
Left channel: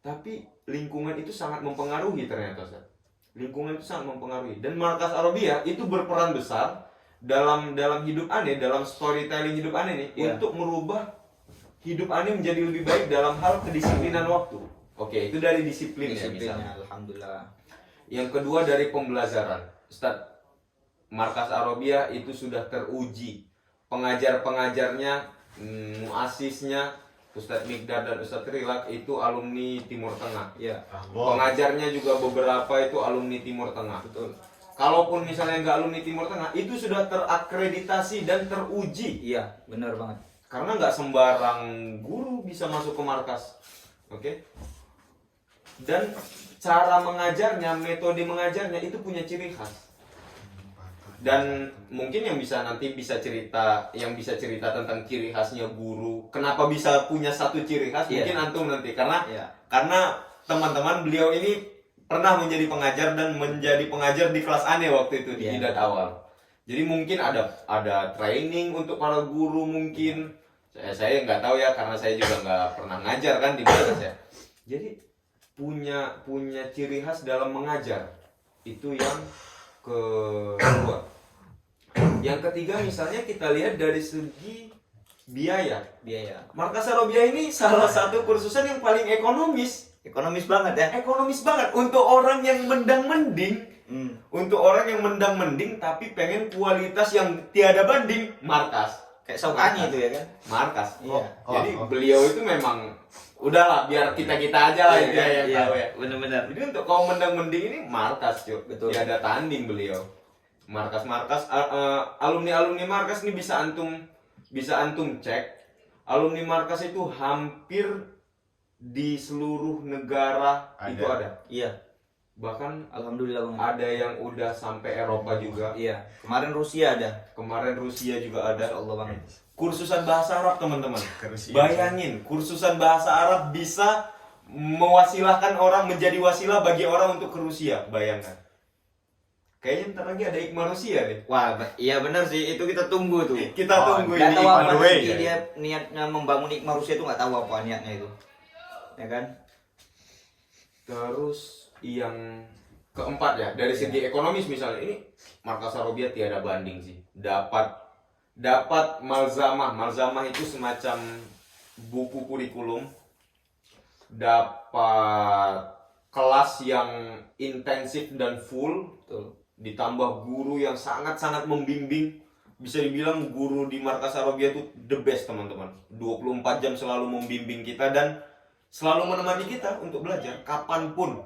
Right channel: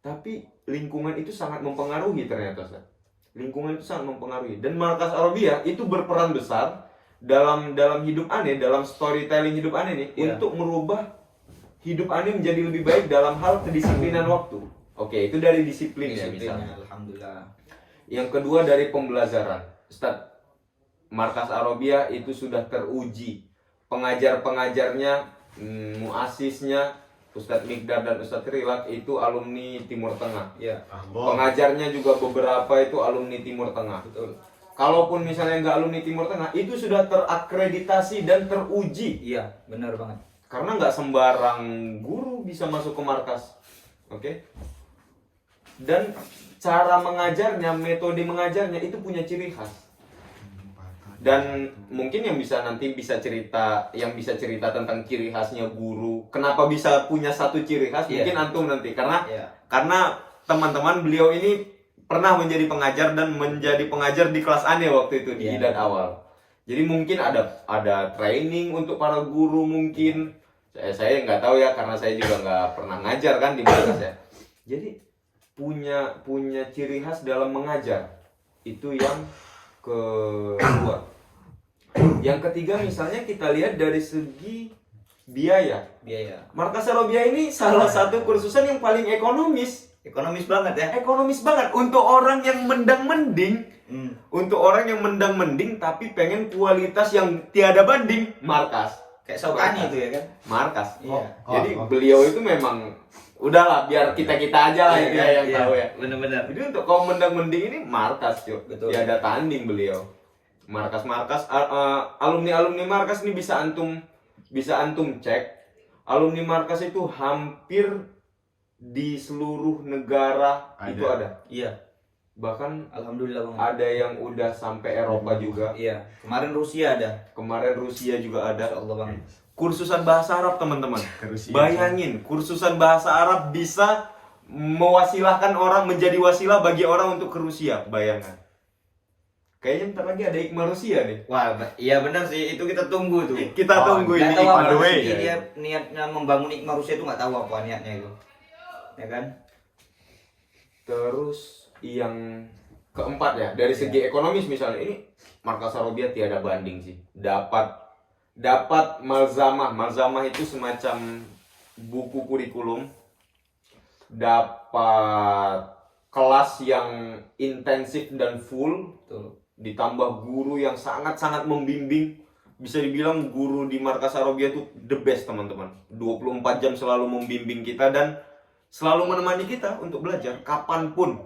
Tapi lingkungan itu sangat mempengaruhi ternyata, Ustaz. Lingkungan itu sangat mempengaruhi. Dan Markas Arabia itu berperan besar dalam hidup Ane, dalam storytelling hidup Ane nih, Iya. untuk merubah hidup Ane menjadi lebih baik dalam hal kedisiplinan waktu. Oke, itu dari disiplin ya Disiplinnya, misalnya. alhamdulillah. Yang kedua dari pembelajaran. Ustadz, Markas Arabia itu sudah teruji. Pengajar-pengajarnya, muasisnya, Ustadz Mikdad dan Ustadz Rilak itu alumni Timur Tengah. Iya, Pengajarnya juga beberapa itu alumni Timur Tengah. betul. Kalaupun misalnya nggak alumni Timur Tengah, itu sudah terakreditasi dan teruji. Iya, benar banget. Karena nggak sembarang guru bisa masuk ke markas. Oke? Dan cara mengajarnya, metode mengajarnya itu punya ciri khas. Dan mungkin yang bisa nanti bisa cerita tentang ciri khasnya guru. Kenapa bisa punya satu ciri khas? Iya. Mungkin antum nanti karena Iya. teman-teman beliau ini pernah menjadi pengajar dan menjadi pengajar di kelas aneh waktu itu di Iya. Hidayat awal. Jadi mungkin ada training untuk para guru mungkin. Saya nggak tahu ya karena saya juga nggak pernah ngajar kan di markas ya. Jadi punya ciri khas dalam mengajar. Itu yang kedua. Yang ketiga misalnya kita lihat dari segi biaya. Biaya. Markas Arabia ini salah satu kursusan yang paling ekonomis. Ekonomis banget ya. Ekonomis banget untuk orang yang mendang-mending. Untuk orang yang mendang-mending tapi pengen kualitas yang tiada banding, markas. Kayak Sautani itu ya kan. Markas. Iya. Jadi beliau itu memang udahlah biar kita-kita aja lah Iya, yang iya. tahu ya. Benar-benar. Jadi untuk kaum mendang-mending ini markas, cuy. Betul. Tiada tanding beliau. Markas-markas alumni-alumni markas ini bisa antum cek. Alumni markas itu hampir di seluruh negara itu ada. Iya. Bahkan Alhamdulillah Bang. ada yang udah sampai Eropa juga. Iya. Kemarin Rusia ada. Kemarin Rusia juga ada. Masya Allah Bang. Kursusan bahasa Arab, teman-teman. Bayangin, kursusan bahasa Arab bisa mewasilahkan orang, menjadi wasilah bagi orang untuk ke Rusia. Bayangkan. Kayaknya ntar lagi ada Iqma Rusia nih. Wah, iya benar sih. Itu kita tunggu tuh. Kita tunggu Nggak ini tahu Iqma apa Rusia. sih dia niatnya membangun Iqma Rusia itu nggak tahu apa niatnya itu. Ya kan? Terus yang keempat ya, dari segi ekonomis misalnya, ini Markas Arabia tiada banding sih. Dapat malzamah. Malzamah itu semacam buku kurikulum. Dapat kelas yang intensif dan full. Tuh. Ditambah guru yang sangat-sangat membimbing. Bisa dibilang guru di Markas Arabia itu the best, teman-teman. 24 jam selalu membimbing kita dan selalu menemani kita untuk belajar kapanpun.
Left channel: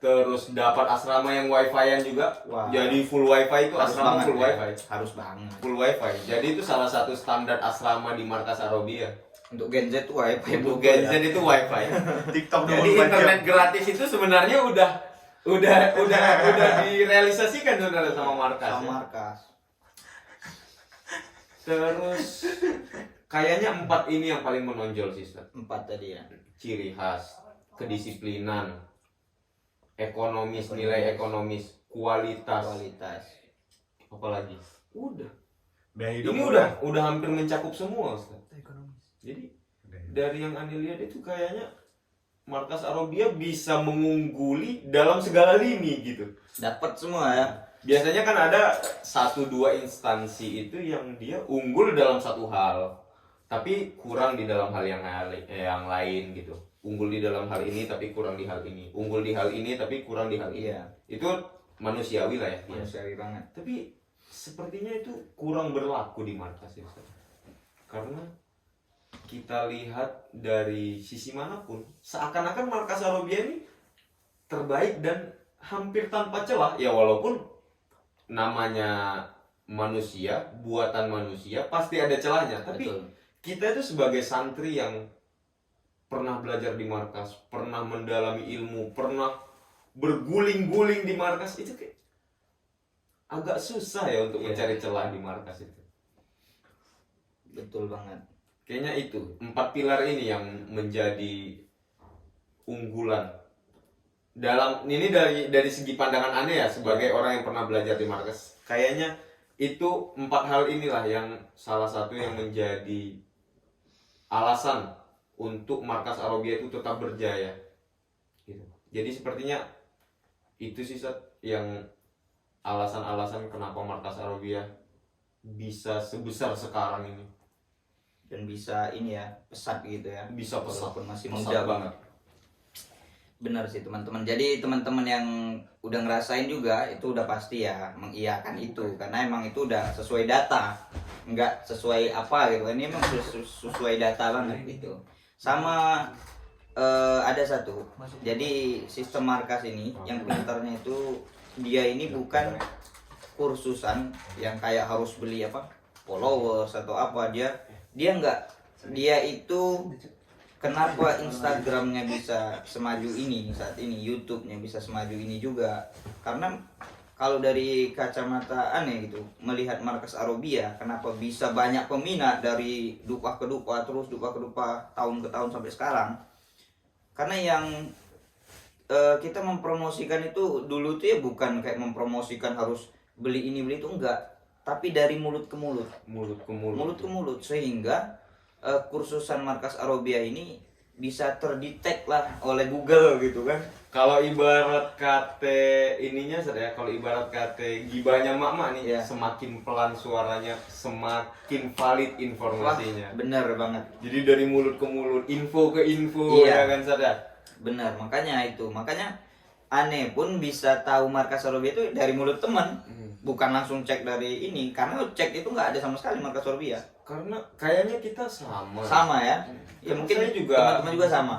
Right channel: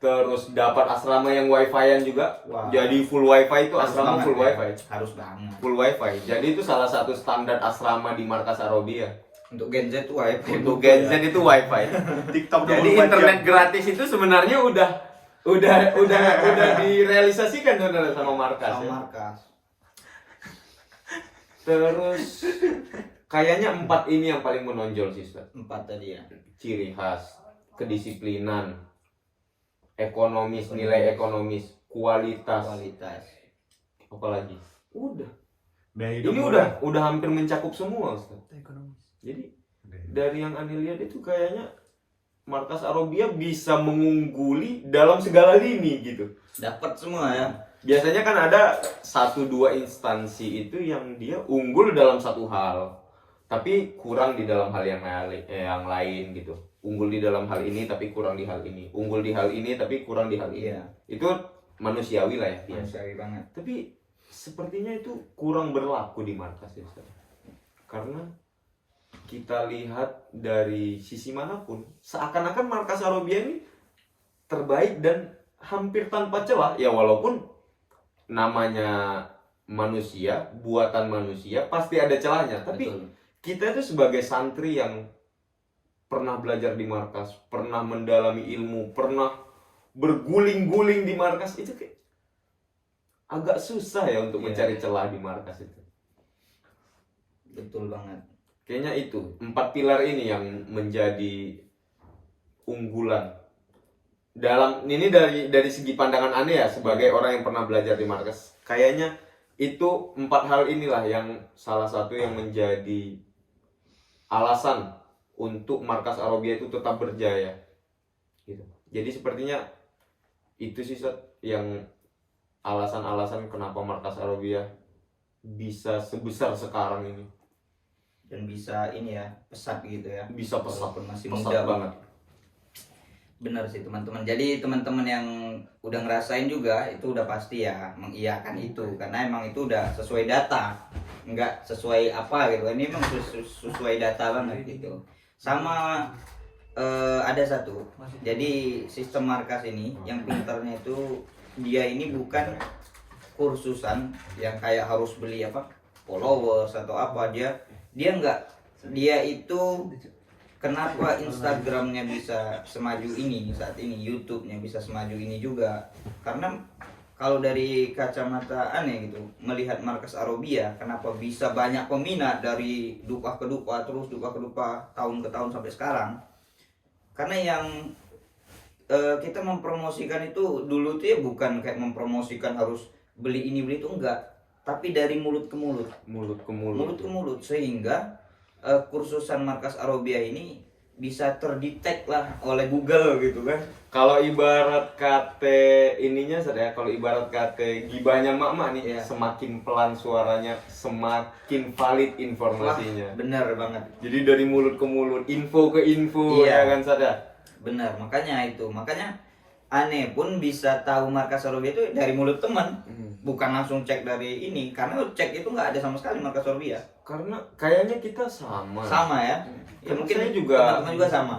Terus dapat asrama yang wifi-an juga. Wah. Jadi full wifi itu Harus asrama banget full ya. wifi. Harus banget. Full wifi. Jadi itu salah satu standar asrama di Markas Arabia. Untuk Gen Z wifi. Untuk Gen Z itu wifi. TikTok Jadi internet gratis itu sebenarnya udah direalisasikan saudara sama Markas. Sama Ya. markas. Terus kayaknya 4 ini yang paling menonjol sih, Ustaz. 4 tadi ya. Ciri khas, kedisiplinan, ekonomis, nilai ekonomis, kualitas, apalagi. Udah. Ini udah hampir mencakup semua, Ustaz. Jadi dari yang Anda lihat itu kayaknya Markas Arabia bisa mengungguli dalam segala lini gitu. Dapat semua ya. Biasanya kan ada 1-2 instansi itu yang dia unggul dalam satu hal, tapi kurang di dalam hal yang lain gitu. Unggul di dalam hal ini tapi kurang di hal ini. Unggul di hal ini tapi kurang di hal ini. Iya. Itu manusiawi lah ya. Manusiawi banget. Tapi sepertinya itu kurang berlaku di markas ya, Ustaz. Karena kita lihat dari sisi manapun, seakan-akan Markas Arabia ini terbaik dan hampir tanpa celah. Ya walaupun namanya manusia, buatan manusia, pasti ada celahnya. Tapi Betul. kita itu sebagai santri yang pernah belajar di markas, pernah mendalami ilmu, pernah berguling-guling di markas, itu kayak agak susah ya untuk mencari celah di markas itu. Betul banget. Kayaknya itu 4 pilar ini yang menjadi unggulan. Dalam ini dari segi pandangan Anda ya sebagai orang yang pernah belajar di markas. Kayaknya itu 4 hal inilah yang salah satu yang menjadi alasan untuk Markas Arabia itu tetap berjaya. Gitu. Jadi sepertinya itu sih yang alasan-alasan kenapa Markas Arabia bisa sebesar sekarang ini. Dan bisa ini ya, pesat gitu ya. Bisa pesat, Walaupun masih pesat muda banget. Benar sih teman-teman. Jadi teman-teman yang udah ngerasain juga itu udah pasti ya mengiyakan itu karena emang itu udah sesuai data, nggak sesuai apa gitu. Ini emang sesuai data banget gitu. Sama ada satu. Jadi sistem markas ini yang pinternya itu dia ini bukan kursusan yang kayak harus beli apa followers atau apa dia nggak, dia itu kenapa Instagramnya bisa semaju ini saat ini, YouTube-nya bisa semaju ini juga karena kalau dari kacamata aneh gitu melihat markas Arobia kenapa bisa banyak peminat dari dupa ke dupa terus dupa ke dupa tahun ke tahun sampai sekarang, karena yang kita mempromosikan itu dulu tuh ya bukan kayak mempromosikan harus beli ini beli itu, enggak, tapi dari mulut ke mulut mulut ke mulut sehingga kursusan markas Arobia ini bisa terdetek lah oleh Google gitu kan. Kalau ibarat KT ininya ya, kalau ibarat KT gibahnya mak nih, Iya. semakin pelan suaranya, semakin valid informasinya. Benar banget, Jadi dari mulut ke mulut, info ke info, Iya. ya kan Sada? benar, makanya aneh pun bisa tahu markas Arobia itu dari mulut teman, bukan langsung cek dari ini, karena cek itu nggak ada sama sekali markas Arobia. Karena kayaknya kita sama. Sama ya, Ya, mungkin saya juga- teman-teman juga sama.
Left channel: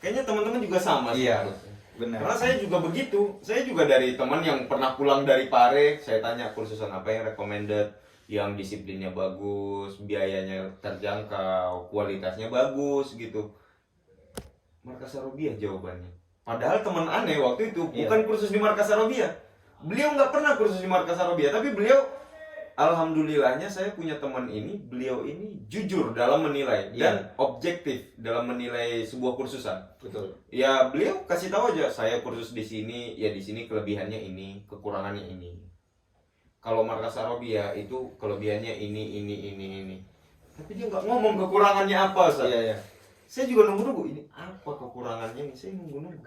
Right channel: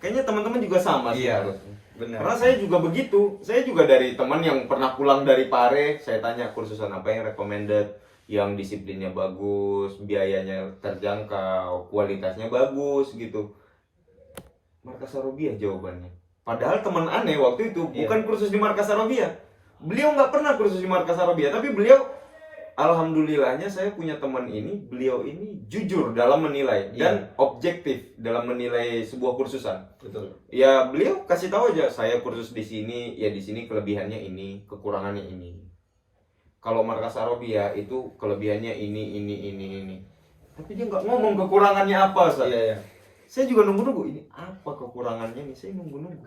Kayaknya teman-teman juga sama sih Iya. harusnya. Benar. Karena saya juga begitu. Saya juga dari teman yang pernah pulang dari Pare, saya tanya kursusan apa yang recommended, yang disiplinnya bagus, biayanya terjangkau, kualitasnya bagus gitu. Markas Arobia jawabannya. Padahal teman aneh waktu itu bukan kursus di Markas Arobia. Beliau nggak pernah kursus di Markas Arobia, tapi beliau, alhamdulillahnya saya punya teman ini, beliau ini jujur dalam menilai dan objektif dalam menilai sebuah kursusan. Betul. Ya beliau kasih tahu aja, saya kursus di sini, ya di sini kelebihannya ini, kekurangannya ini. Kalau Markas Arobia itu kelebihannya ini. Tapi dia nggak ngomong kekurangannya apa, Sa. Iya, iya. Saya juga nunggu-nunggu, ini apa kekurangannya nih, saya nunggu-nunggu.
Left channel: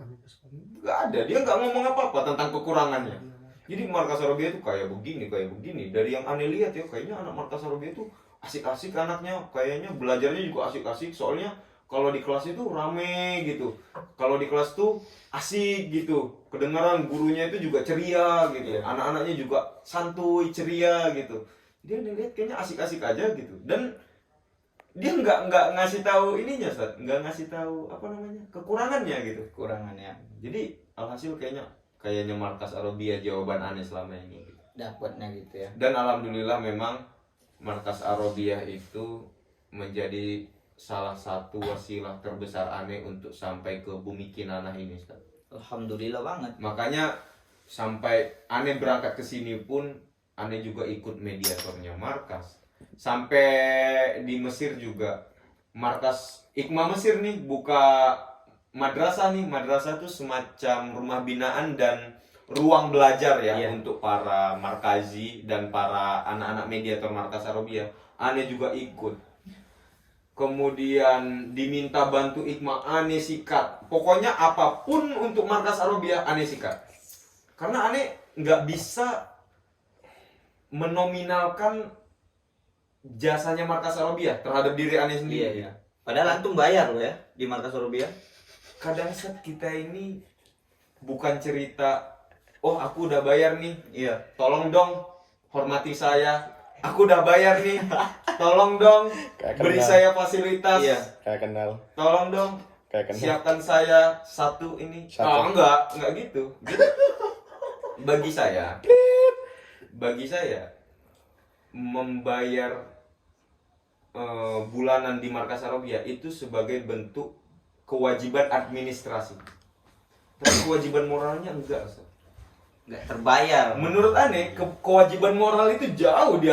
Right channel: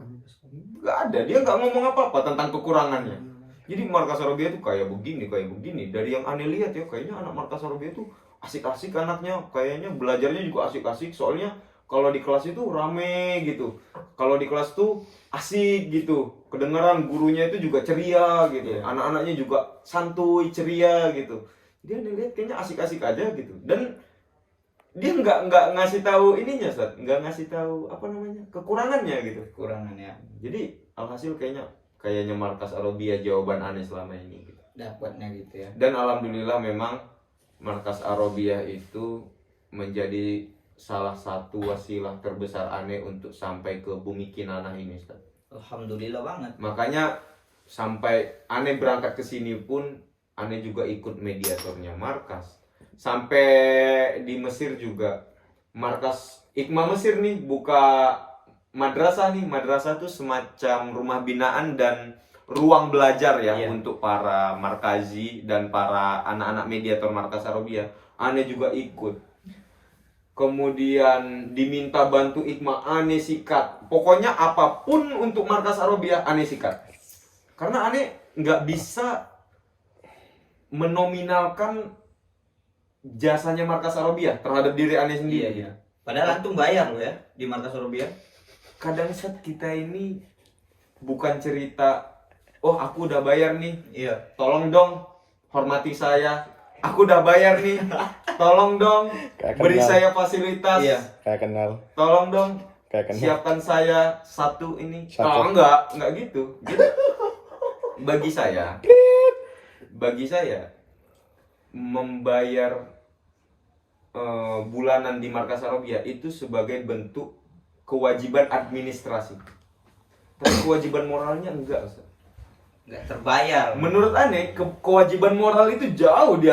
Nggak ada, dia nggak ngomong apa-apa tentang kekurangannya. Jadi Markas Arobia itu kayak begini. Dari yang aneh lihat ya, kayaknya anak Markas Arobia itu asik-asik anaknya, kayaknya belajarnya juga asik-asik. Soalnya kalau di kelas itu rame gitu. Kalau di kelas tuh asik gitu. Kedengaran gurunya itu juga ceria gitu. Anak-anaknya juga santuy, ceria gitu. Dia aneh lihat kayaknya asik-asik aja gitu. Dan dia nggak ngasih tahu ininya, Sat. Nggak ngasih tahu apa namanya, kekurangannya gitu. Kekurangannya Jadi alhasil kayaknya Markas Arobia jawaban aneh selama ini gitu. dapatnya gitu ya. Dan alhamdulillah memang Markas Arobia itu menjadi salah satu wasilah terbesar aneh untuk sampai ke bumi Kinanah ini, Ustaz. Alhamdulillah banget. Makanya sampai aneh berangkat ke sini pun aneh juga ikut mediatornya Markas. Sampai di Mesir juga Markas Ikma Mesir nih buka madrasah nih. Madrasah tuh semacam rumah binaan dan ruang belajar ya, Iya. untuk para markazi dan para anak-anak mediator Markas Arobia. Aneh juga ikut. Kemudian diminta bantu Ikma, aneh sikat. Pokoknya apapun untuk Markas Arobia aneh sikat. Karena aneh nggak bisa menominalkan jasanya Markas Arobia terhadap diri aneh sendiri. Iya. Padahal antum bayar loh ya di markas Arobia. Kadang saat kita ini bukan cerita, oh aku udah bayar nih, Iya. tolong dong hormati saya, aku udah bayar nih, tolong dong beri saya fasilitas, Iya. Kayak kenal. tolong dong Kayak kenal. siapkan saya satu ini. Satu. Oh, enggak gitu. Jadi bagi saya membayar bulanan di Markas Arobia itu sebagai bentuk kewajiban administrasi. Tapi kewajiban moralnya enggak, Ustaz. Nggak terbayar. Menurut aneh, kewajiban moral itu jauh di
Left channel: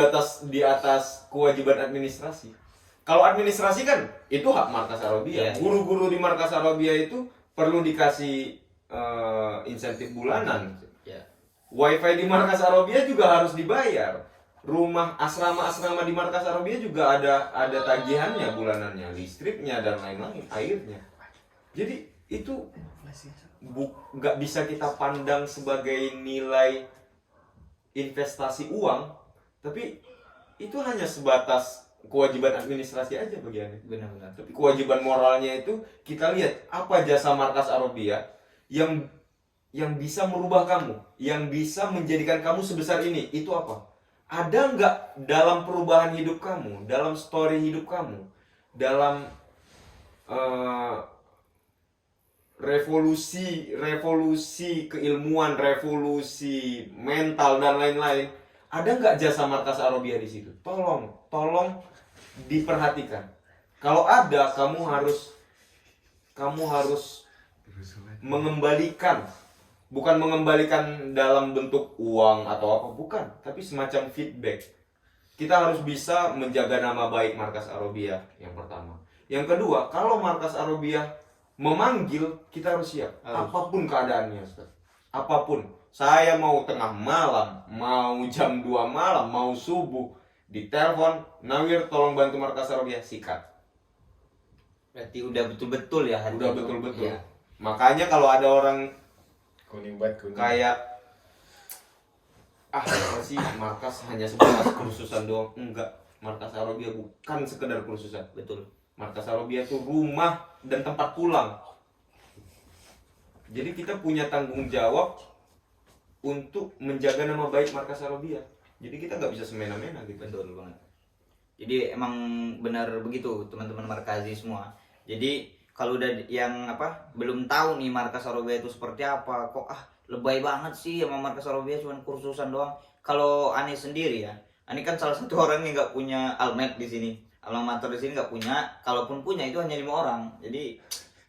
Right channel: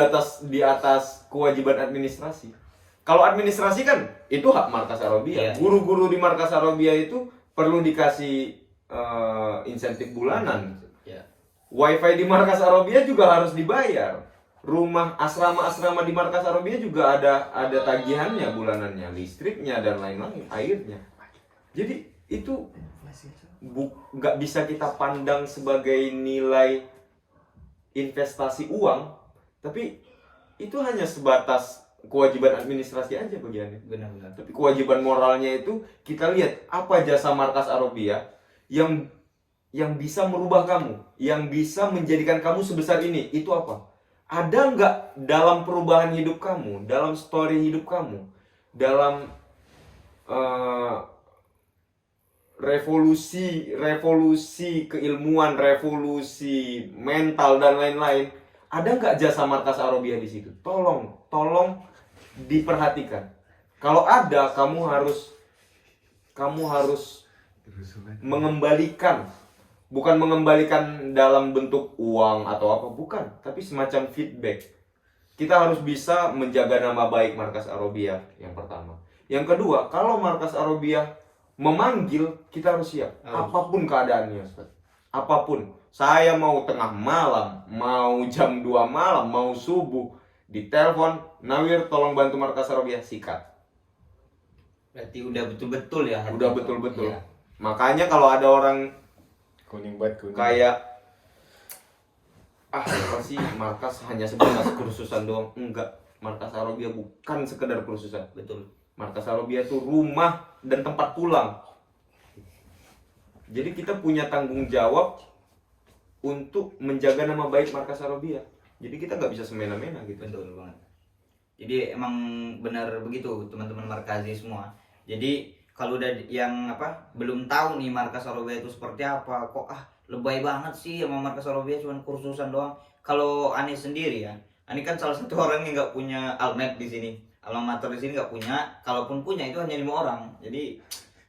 atas kewajiban administrasi. Kalau administrasi kan itu hak Markas Arobia. Iya. Guru-guru di Markas Arobia itu perlu dikasih insentif bulanan. Ya. Wifi di Markas Arobia juga harus dibayar. Rumah asrama-asrama di Markas Arobia juga ada tagihannya bulanannya, listriknya dan lain-lain, airnya. Jadi itu nggak bisa kita pandang sebagai nilai investasi uang, tapi itu hanya sebatas kewajiban administrasi aja bagiannya. Benar-benar. Tapi kewajiban moralnya itu kita lihat apa jasa Markas Arobia yang bisa merubah kamu, yang bisa menjadikan kamu sebesar ini, itu apa? Ada nggak dalam perubahan hidup kamu, dalam story hidup kamu, dalam revolusi keilmuan, revolusi mental dan lain-lain, ada nggak jasa Markas Arabia di situ? Tolong diperhatikan. Kalau ada, kamu harus mengembalikan, bukan mengembalikan dalam bentuk uang atau apa, bukan, tapi semacam feedback. Kita harus bisa menjaga nama baik Markas Arabia, yang pertama. Yang kedua, kalau Markas Arabia memanggil, kita harus siap. Apapun keadaannya, Ustaz. Apapun. Saya mau tengah malam, mau jam 2 malam, mau subuh, ditelepon, Nawir tolong bantu Markas Arabia, sikat. Berarti udah betul-betul ya. Udah betul-betul. Iya. Makanya kalau ada orang Kuning banget kuning. kayak apa sih Markas hanya sebatas kursusan doang, enggak. Markas Arabia bukan sekedar kursusan. Betul. Markas Arabia itu rumah dan tempat pulang. Jadi kita punya tanggung jawab untuk menjaga nama baik Markas Arabia. Jadi kita nggak bisa semena-mena gitu. Betul banget. Jadi emang benar begitu teman-teman Markazi semua. Jadi kalau udah yang belum tahu nih Markas Arabia itu seperti apa, kok lebay banget sih sama Markas Arabia cuma kursusan doang. Kalau Ani sendiri ya, Ani kan salah satu orang yang nggak punya almet di sini, alamator di sini nggak punya. Kalaupun punya itu hanya 5 orang, jadi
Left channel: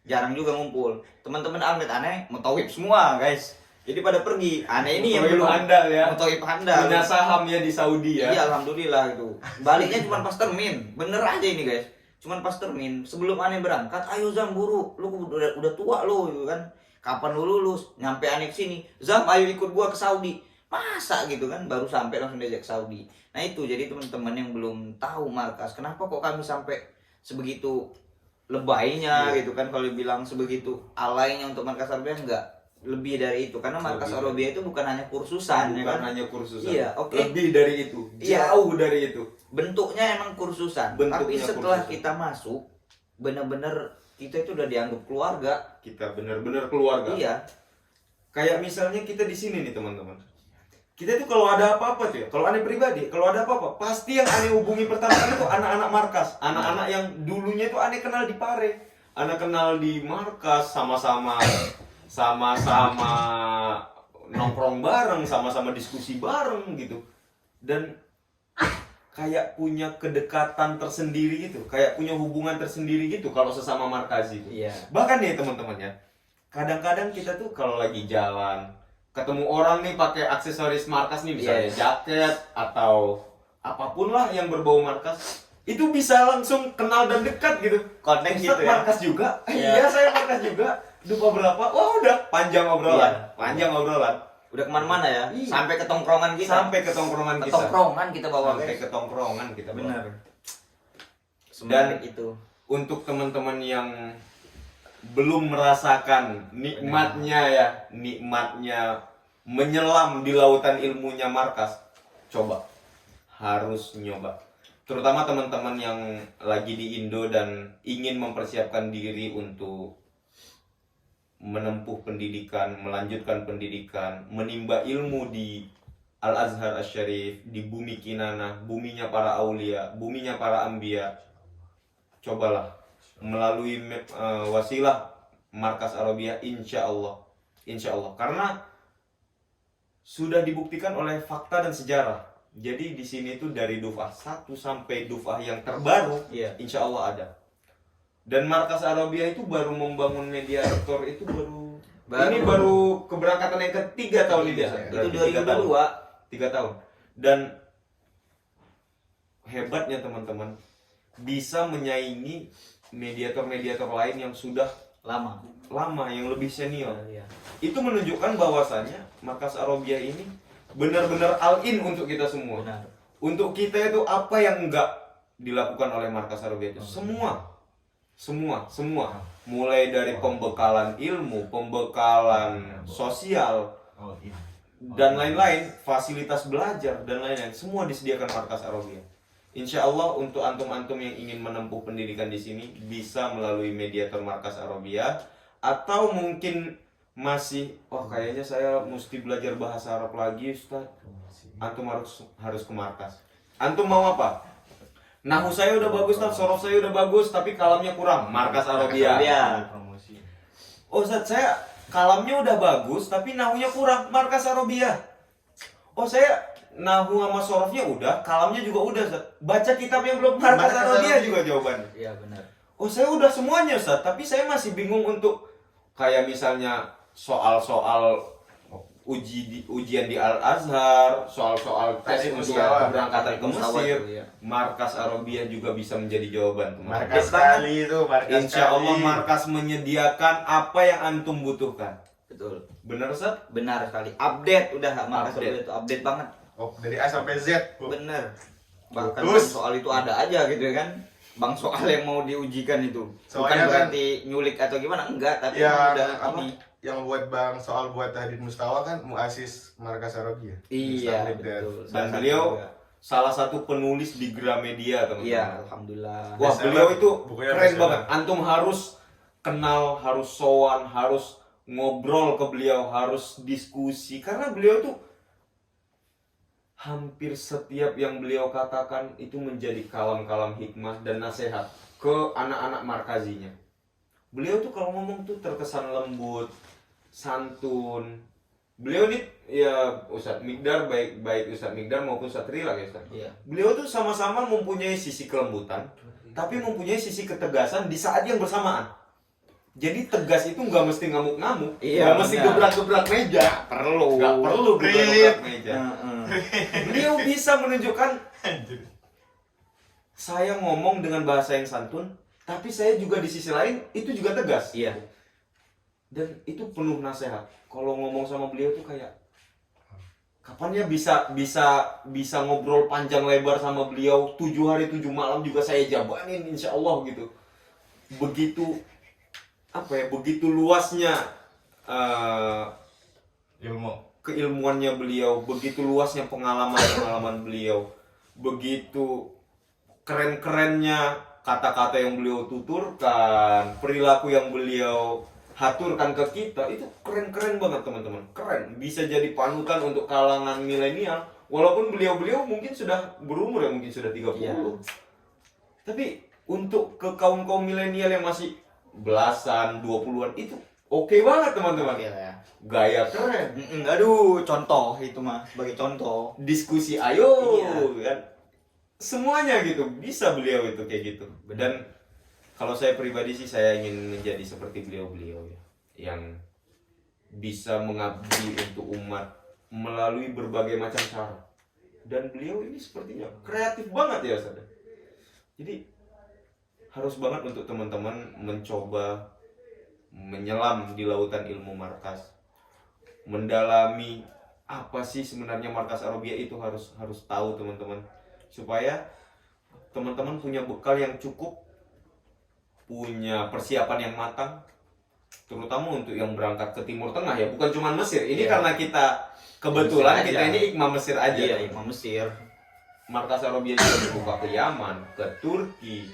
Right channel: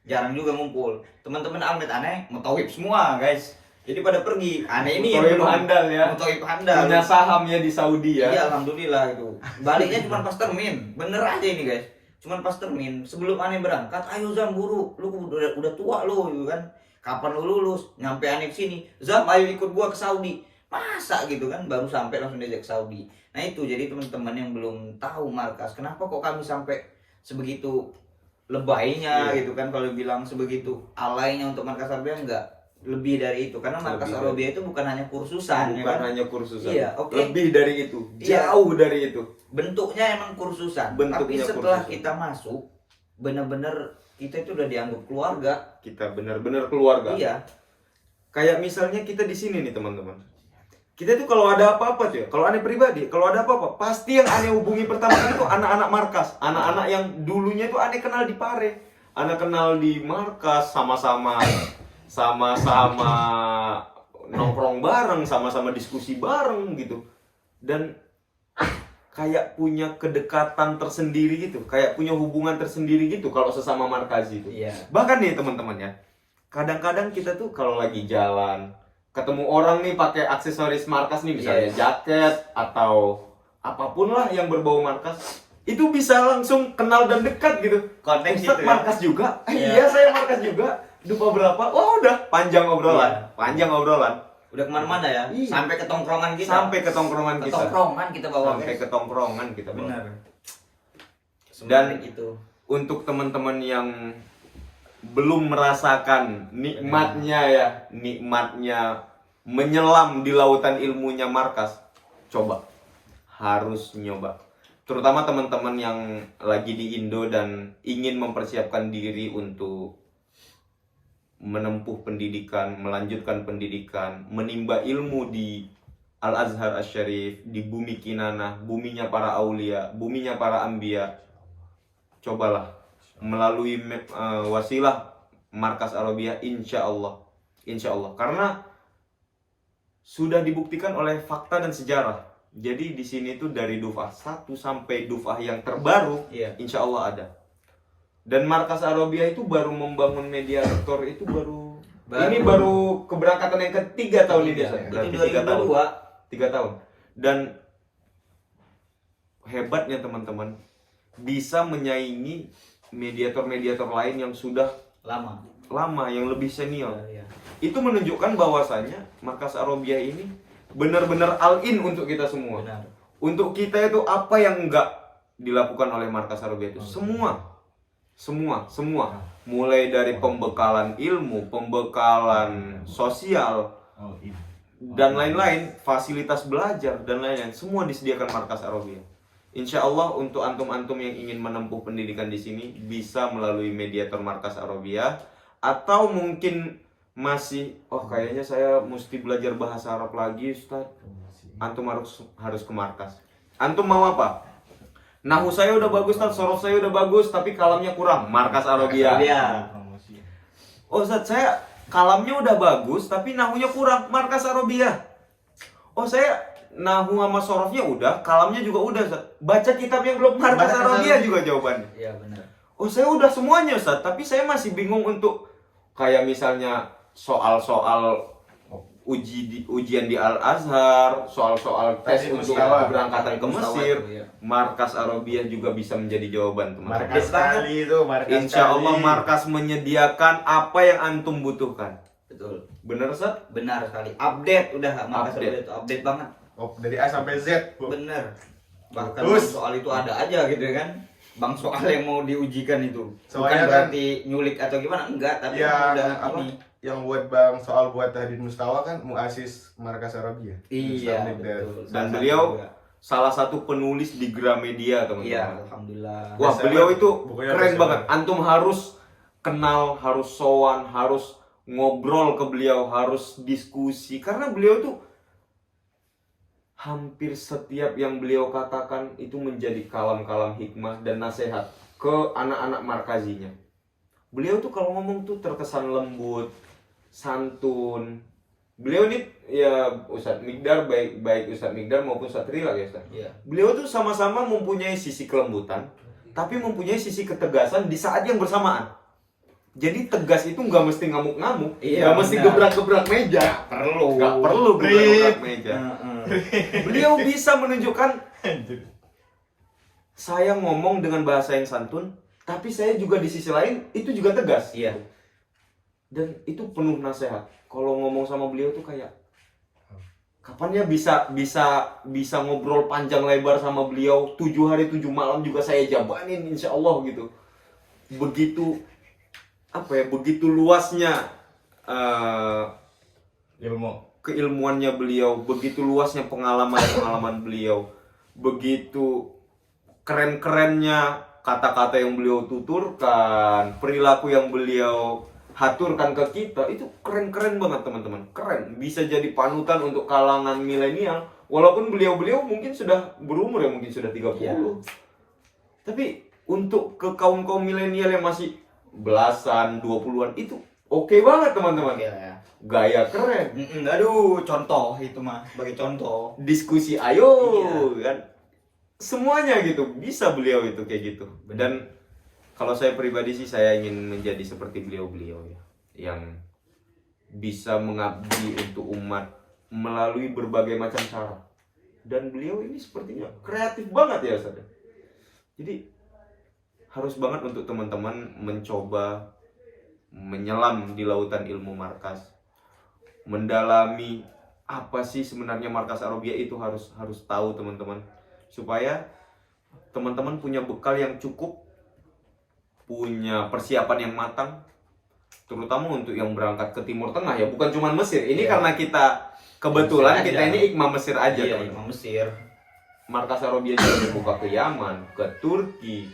jarang juga ngumpul. Teman-teman almet aneh mutawib semua guys. Jadi pada pergi. Aneh ini yang Mutawib belum handal ya. Mutawib handal. Punya saham ya di Saudi ya. Iya alhamdulillah itu. Baliknya cuma pas termin, bener aja ini guys. Cuman pas termin, sebelum Aneh berangkat, ayo Zam buru, lu udah tua lu gitu kan. Kapan lu lulus? Nyampe Aneh sini, Zam ayo ikut gua ke Saudi. Masa gitu kan, baru sampai langsung diajak ke Saudi. Nah itu jadi teman-teman yang belum tahu Markas, kenapa kok kami sampai sebegitu lebaynya gitu kan, kalau bilang sebegitu alaynya untuk Markas Arabia enggak. Lebih dari itu, karena Markas Lebih Arabia itu bukan hanya kursusan, Bukan ya kan? hanya kursusan. Iya, oke. Lebih dari itu. Iya. Jauh dari itu. Bentuknya emang kursusan, Bentuknya tapi setelah kursusan. kita masuk, bener-bener kita itu udah dianggap keluarga. Kita benar-benar keluarga. Iya, Kayak misalnya kita di sini nih teman-teman. Kita tuh kalau ada apa-apa tuh ya, kalau Aneh pribadi, kalau ada apa-apa, pasti yang Aneh hubungi pertama itu anak-anak Markas, anak-anak yang dulunya itu Aneh kenal di Pare, Aneh kenal di Markas, sama-sama nongkrong bareng, sama-sama diskusi bareng gitu, dan kayak punya kedekatan tersendiri gitu, kayak punya hubungan tersendiri gitu kalau sesama Markazi itu. iya. Bahkan nih teman-teman ya, kadang-kadang kita tuh kalau lagi jalan ketemu orang nih pakai aksesoris Markas nih, misalnya jaket atau apapun lah yang berbau Markas, itu bisa langsung kenal dan dekat gitu. Konteks Ustaz gitu ya. Markas juga? Iya. Iya saya Markas juga. Dupa berapa? Wah udah panjang obrolan, panjang obrolan. Udah kemana-mana ya, Iya. sampai ke tongkrongan kita. Sampai ke tongkrongan Ke kita. tongkrongan kita bawa Sampai guys. ke tongkrongan kita bawa. Benar. Dan itu untuk teman-teman yang belum merasakan nikmatnya menyelam di lautan ilmunya Markas, coba, harus nyoba. Terutama teman-teman yang lagi di Indo dan ingin mempersiapkan diri untuk menempuh pendidikan, melanjutkan pendidikan, menimba ilmu di Al-Azhar Asy-Syarif, di bumi Kinanah, buminya para aulia, buminya para anbiya. Cobalah melalui wasilah Markas Arabia, insya Allah, karena sudah dibuktikan oleh fakta dan sejarah. Jadi di sini tuh dari duf'ah 1 sampai duf'ah yang terbaru, iya. insya Allah ada. Dan Markas Arabia itu baru membangun media rektor itu ini baru keberangkatan yang ketiga tahun ini. Berarti Itu 3 tahun. 2002. 3 tahun. Dan hebatnya teman-teman, bisa menyaingi mediator-mediator lain yang sudah lama, yang lebih senior. Iya. Itu menunjukkan bahwasanya Markas Arabia ini benar-benar all-in untuk kita semua. Benar. Untuk kita itu apa yang enggak dilakukan oleh Markas Arabia itu semua, mulai dari pembekalan ilmu, pembekalan sosial dan lain-lain, fasilitas belajar dan lain-lain, semua disediakan Markas Arabia. Insya Allah untuk antum-antum yang ingin menempuh pendidikan di sini bisa melalui mediator Markas Arabia, atau mungkin masih kayaknya saya mesti belajar bahasa Arab lagi Ustaz. Antum harus ke markas. Antum mau apa? Nahu saya udah bagus Ustaz, sorof saya udah bagus, tapi kalamnya kurang. Markas Arabia. Oh Ustaz, saya kalamnya udah bagus, tapi nahunya kurang. Markas Arabia. Oh saya nahu sama sorofnya udah, kalamnya juga udah Ustaz. Baca kitabnya belum, markas Arabia juga jawabannya. Iya benar. Oh saya udah semuanya Ustaz, tapi saya masih bingung untuk kayak misalnya soal-soal ujian di Al Azhar, soal-soal tes Tadi untuk Mustawa. keberangkatan ke Mesir, Iya. markas Arabia juga bisa menjadi jawaban teman-teman. Markas sekali itu, markas Insya Allah sekali. markas menyediakan apa yang antum butuhkan. Betul. Bener Ustaz? Benar sekali. Update udah markas Update. Arabia itu update banget. Dari A sampai Z, Bu. Bener. Bahkan Terus? soal itu ada aja gitu ya kan. Bang soal yang mau diujikan itu. Soalnya Bukan kan- berarti nyulik atau gimana, enggak, tapi Yang emang udah apa? ini. Yang buat Bang soal buat Hadid Mustawa kan muasis markas Arabia. Iya, Mustamlik dan- betul. Dan Salah beliau satu juga. salah satu penulis di Gramedia teman-teman. Iya, alhamdulillah. Wah Bestseller. beliau itu Bukunya keren bestseller. banget. Antum harus kenal, harus sowan, harus ngobrol ke beliau, harus diskusi. Karena beliau itu hampir setiap yang beliau katakan itu menjadi kalam-kalam hikmah dan nasihat ke anak-anak markazinya. Beliau tuh kalau ngomong tuh terkesan lembut, santun. Beliau ini ya Ustadz Migdar, baik Ustadz Migdar maupun Ustadz Rilak ya Ustadz. Iya. Beliau tuh sama-sama mempunyai sisi kelembutan, tapi mempunyai sisi ketegasan di saat yang bersamaan. Jadi tegas itu nggak mesti ngamuk-ngamuk, Iya, nggak mesti benar. gebrak-gebrak meja, Perlu. nggak perlu gebrak-gebrak meja. Heeh. Beliau bisa menunjukkan saya ngomong dengan bahasa yang santun, tapi saya juga di sisi lain itu juga tegas. Iya. Dan itu penuh nasihat. Kalau ngomong sama beliau tuh kayak kapan ya bisa ngobrol panjang lebar sama beliau 7 hari 7 malam juga saya jabanin insya Allah gitu. Begitu apa ya, begitu luasnya Ilmu. keilmuannya beliau, begitu luasnya pengalaman beliau, begitu keren-kerennya kata-kata yang beliau tuturkan, perilaku yang beliau haturkan ke kita, itu keren-keren banget teman-teman. Keren, bisa jadi panutan untuk kalangan milenial. Walaupun beliau-beliau mungkin sudah berumur ya, mungkin sudah 30. Iya. Tapi untuk ke kaum-kaum milenial yang masih belasan, 20-an itu oke banget teman-teman. Iya, ya. Gaya keren. Aduh, contoh itu mah sebagai contoh. Diskusi ayo Iya. kan. Semuanya gitu, bisa beliau itu kayak gitu. Dan kalau saya pribadi sih saya ingin menjadi seperti beliau-beliau ya, yang bisa mengabdi untuk umat melalui berbagai macam cara. Dan beliau ini sepertinya kreatif banget ya Ustaz. Jadi harus banget untuk teman-teman mencoba menyelam di lautan ilmu markas, mendalami apa sih sebenarnya markas Arabia itu harus tahu teman-teman, supaya teman-teman punya bekal yang cukup, punya persiapan yang matang, terutama untuk yang berangkat ke Timur Tengah ya, bukan cuma Mesir. Ini Iya. karena kita kebetulan Mesir kita aja. ini Ikma Mesir aja Iya, teman-teman. Imam Mesir. Markas Arabia juga dibuka ke Yaman, ke Turki,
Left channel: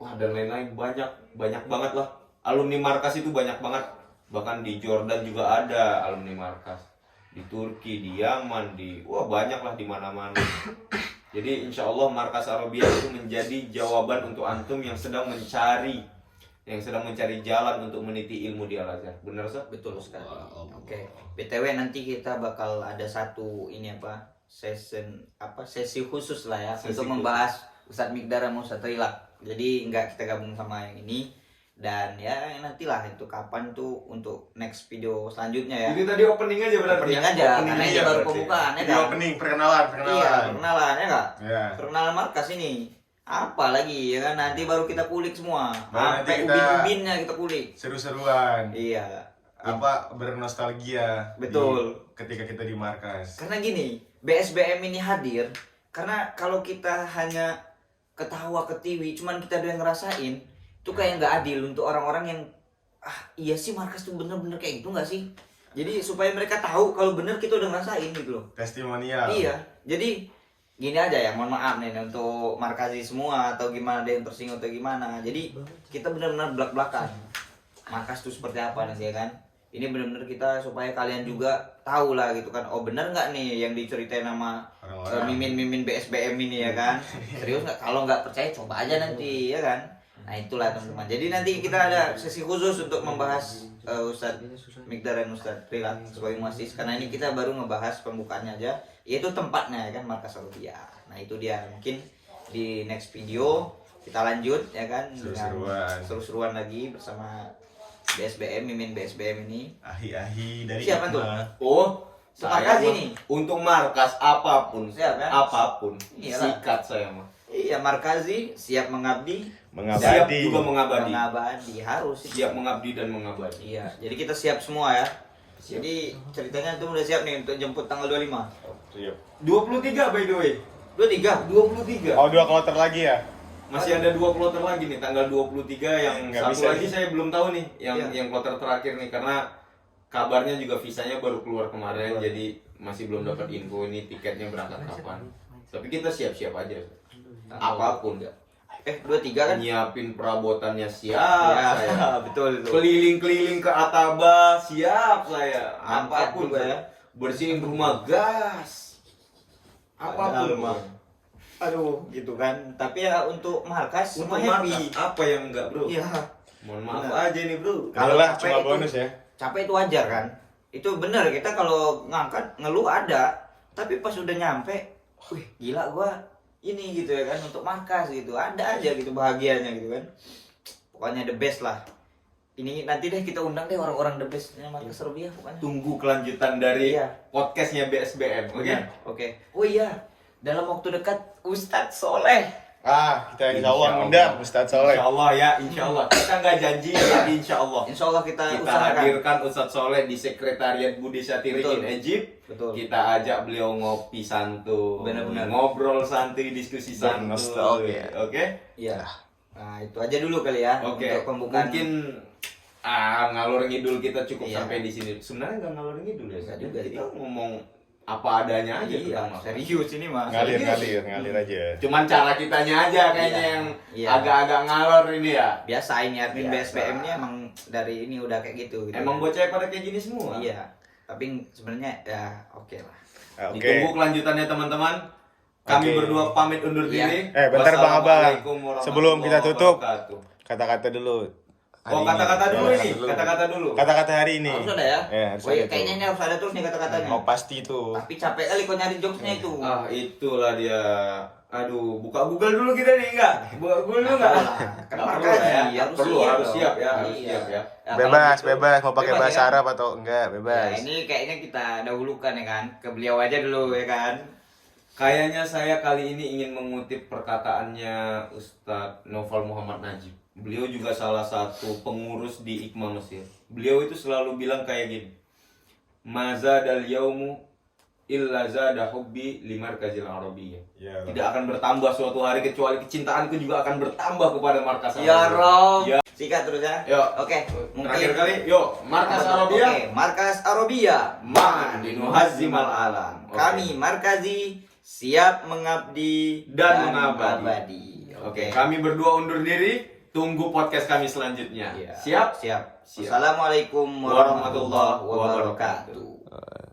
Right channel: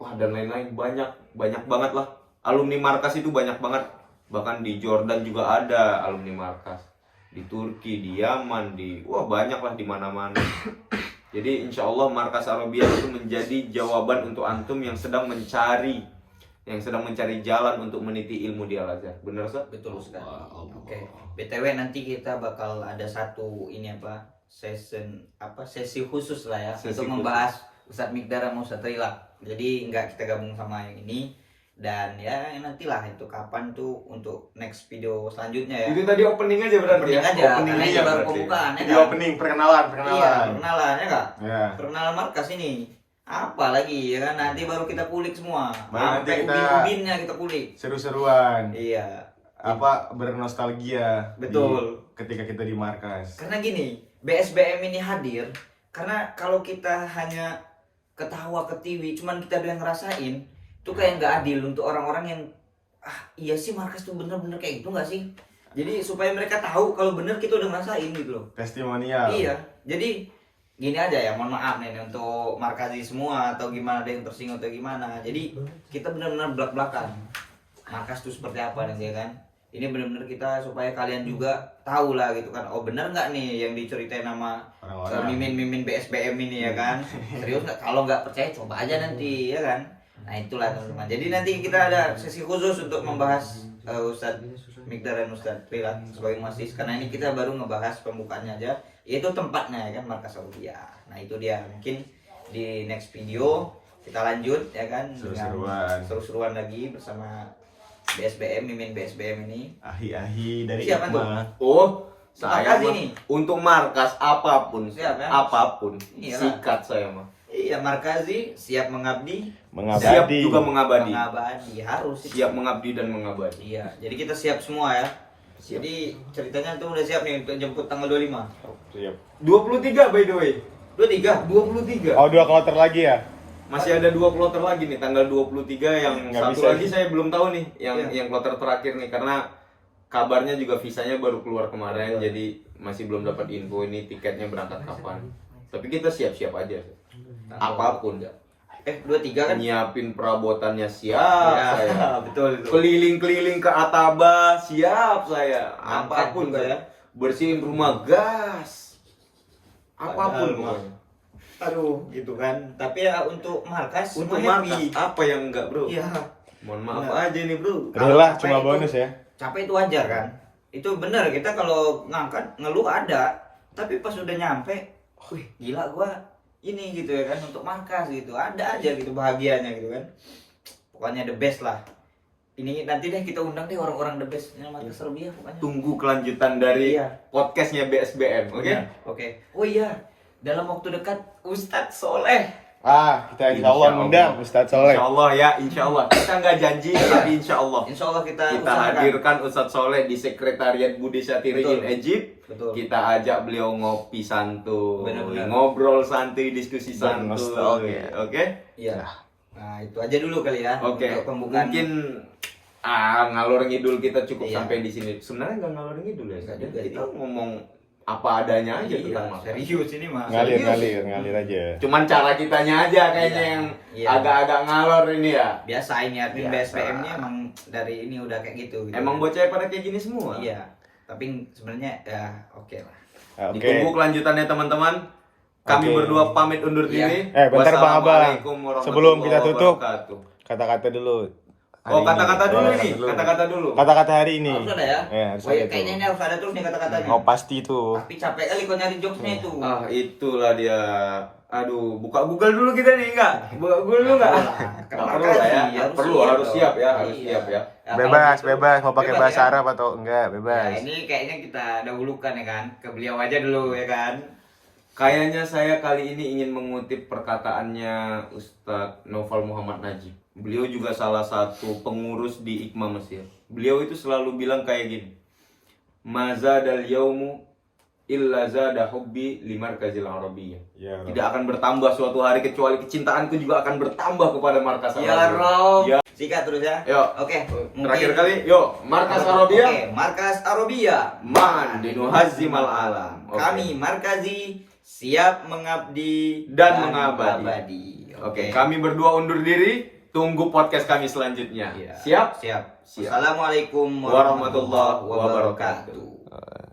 wah dan lain-lain, banyak banget lah. Alumni markas itu banyak banget, bahkan di Jordan juga ada alumni markas, di Turki, di Yaman, wah banyak lah di mana-mana. Jadi insya Allah markas Arabia itu menjadi jawaban untuk antum yang sedang mencari jalan untuk meniti ilmu di Al Azhar. Bener Ustaz? Betul sekali. Oke. BTW nanti kita bakal ada satu sesi khusus lah ya, Sesi untuk khusus. membahas Ustadz Migdar sama Ustadz Rilak. Jadi nggak kita gabung sama yang ini, dan ya nantilah itu kapan tuh untuk next video selanjutnya ya. Itu tadi opening aja berarti Opening ya? aja, Opening karena aja ini baru berarti. pembukaan ya Jadi kan? opening perkenalan. Iya, perkenalan ya nggak? Ya. Perkenalan markas ini. Apa lagi ya kan? Nanti baru kita kulik semua. Baru nanti Sampai kita- ubin-ubinnya kita kulik. Seru-seruan. Iya. Bernostalgia. Betul. Ketika kita di markas. Karena gini, BSBM ini hadir karena kalau kita hanya ketawa ketiwi, cuman kita doang ngerasain, itu kayak nggak adil untuk orang-orang yang iya sih markas tuh bener-bener kayak gitu nggak sih? Jadi supaya mereka tahu kalau bener kita udah ngerasain gitu loh. Testimonial. Iya, jadi gini aja ya, mohon maaf nih untuk markasi semua atau gimana ada yang tersinggung atau gimana. Jadi kita benar-benar belak-belakan markas itu seperti apa nih ya kan. ini benar-benar kita supaya kalian juga tahu lah gitu kan. Oh benar nggak nih yang diceritain nama Orang-orang. mimin BSBM ini ya kan? Serius nggak? Kalau nggak percaya coba aja nanti ya kan. Nah itulah teman-teman. Jadi nanti kita ada sesi khusus untuk membahas Ustadz Mikdar dan Ustadz Rilat sebagai muassis. Karena ini kita baru ngebahas pembukaannya aja. Itu tempatnya ya kan, Markas Arobia. Nah itu dia. Mungkin di next video kita lanjut ya kan. Seru-seruan. Seru-seruan lagi bersama BSBM, mimin BSBM ini. Ahi-ahi dari Siapa tuh? Hikmah. Oh, saya Markas mah ini. untuk markas apapun, Siap, kan? apapun, Iyalah. sikat saya mah. Iya, Markazi siap mengabdi, Siap juga mengabadi. mengabadi harus. Siap mengabdi dan mengabadi. Iya, jadi kita siap semua ya. Jadi ceritanya tuh udah siap nih untuk jemput tanggal 25. Siap. 23 by the way. 23. 23. Oh, 2 kloter lagi ya? Masih ada 2 kloter lagi nih tanggal 23 yang Nggak satu bisa lagi nih. saya belum tahu nih yang Iya. yang kloter terakhir nih karena kabarnya juga visanya baru keluar kemarin jadi masih belum dapat info ini tiketnya berangkat kapan. Tapi kita siap-siap aja. Apapun. 23 kan? Nyiapin perabotannya siap Ya, saya. betul itu. Keliling-keliling ke Ataba siap saya. Angkat Apapun juga saya. ya. Bersihin rumah gas. Apapun Padahal mah. pokoknya. Aduh, gitu kan. Tapi ya untuk markas Untuk semua happy. markas apa yang enggak, Bro? Iya. Mohon maaf Iya. aja nih, Bro. Kalau Adalah capek cuma itu- bonus ya. Capek itu wajar kan? Itu benar kita kalau ngangkat ngeluh ada, tapi pas udah nyampe, wih gila gua ini gitu ya kan untuk markas gitu. Ada aja gitu bahagianya gitu kan. Pokoknya the best lah. Ini nanti deh kita undang deh orang-orang the best markas Arobia pokoknya. Tunggu kelanjutan dari Iya. podcastnya BSBM, oke? Oke. Oh iya, dalam waktu dekat Ustadz Soleh. Ah, kita insya Allah undang Ustadz Soleh. Insya Allah ya, insya Allah. Kita nggak janji, tapi insya Allah. Insya Allah kita Kita usahakan. hadirkan Ustadz Soleh di Sekretariat Budi Satiri Betul. in Egypt. Betul. Kita ajak beliau ngopi santuy, Benar-benar. ngobrol santuy, diskusi santuy. Bernostalgia. Oke? Iya. Nah itu aja dulu kali ya. Oke. Untuk pembukaan. Mungkin ngalor ngidul kita cukup Iya. sampai di sini. Sebenarnya nggak ngalor ngidul ya. Bisa juga, Kita iya. ngomong apa adanya aja Iya, tentang Mas. serius ini mah. Ngalir aja. Cuman cara kitanya aja kayaknya Iya. yang Iya. agak-agak ngalor ini ya. Biasa ini admin Biasa. BSPM-nya emang dari ini udah kayak gitu. Emang bocah pada kayak gini semua. Iya. Tapi sebenarnya ya oke lah. Oke. Ditunggu kelanjutannya teman-teman. Kami Oke. berdua pamit undur Iya. diri. Bentar Bang Abang. Wassalamualaikum warahmatullahi Sebelum kita tutup, wabarakatuh. kata-kata dulu. Oh, Hari kata-kata ini. dulu Ya, nih. Kata-kata dulu. Kata-kata hari ini. Harus ada ya? Harus Oh, ada iya, tuh. kayaknya ini harus ada terus nih kata-katanya. Oh, pasti tuh. Tapi capek kali kau nyari jokesnya itu. Ah, itulah dia. Aduh, buka Google dulu kita nih enggak? Buka Google dulu enggak? Enggak perlu lah ya. Nggak perlu, harus siap ya, harus Iya. siap ya. Ya, Bebas, kalau gitu, bebas. Mau pakai bebas bahasa ya. Arab atau enggak? Ya, Bebas. ini kayaknya kita dahulukan ya kan. Ke beliau aja dulu ya kan. Kayaknya saya kali ini ingin mengutip perkataannya Ustadz Noval Muhammad Najib. Beliau juga salah satu pengurus di IKMA Mesir. Beliau itu selalu bilang kayak gini. Mazadal yaumu illa zada hubbi limarkazil arabiyyah. Ya, Tidak akan bertambah suatu hari kecuali kecintaanku juga akan bertambah kepada markas Ya Arabia. Rob. Ya. Sikat terus ya. Yuk. Oke. Terakhir kali, yuk, markas Arabia. Oke, Markas Arabia. Man dinuhazzimal alam. Oke. Kami Markazi siap mengabdi Dan mengabadi. Oke, kami berdua undur diri. Tunggu podcast kami selanjutnya. Iya. Siap? Siap. Siap. Assalamualaikum Warahmatullahi wabarakatuh. wabarakatuh.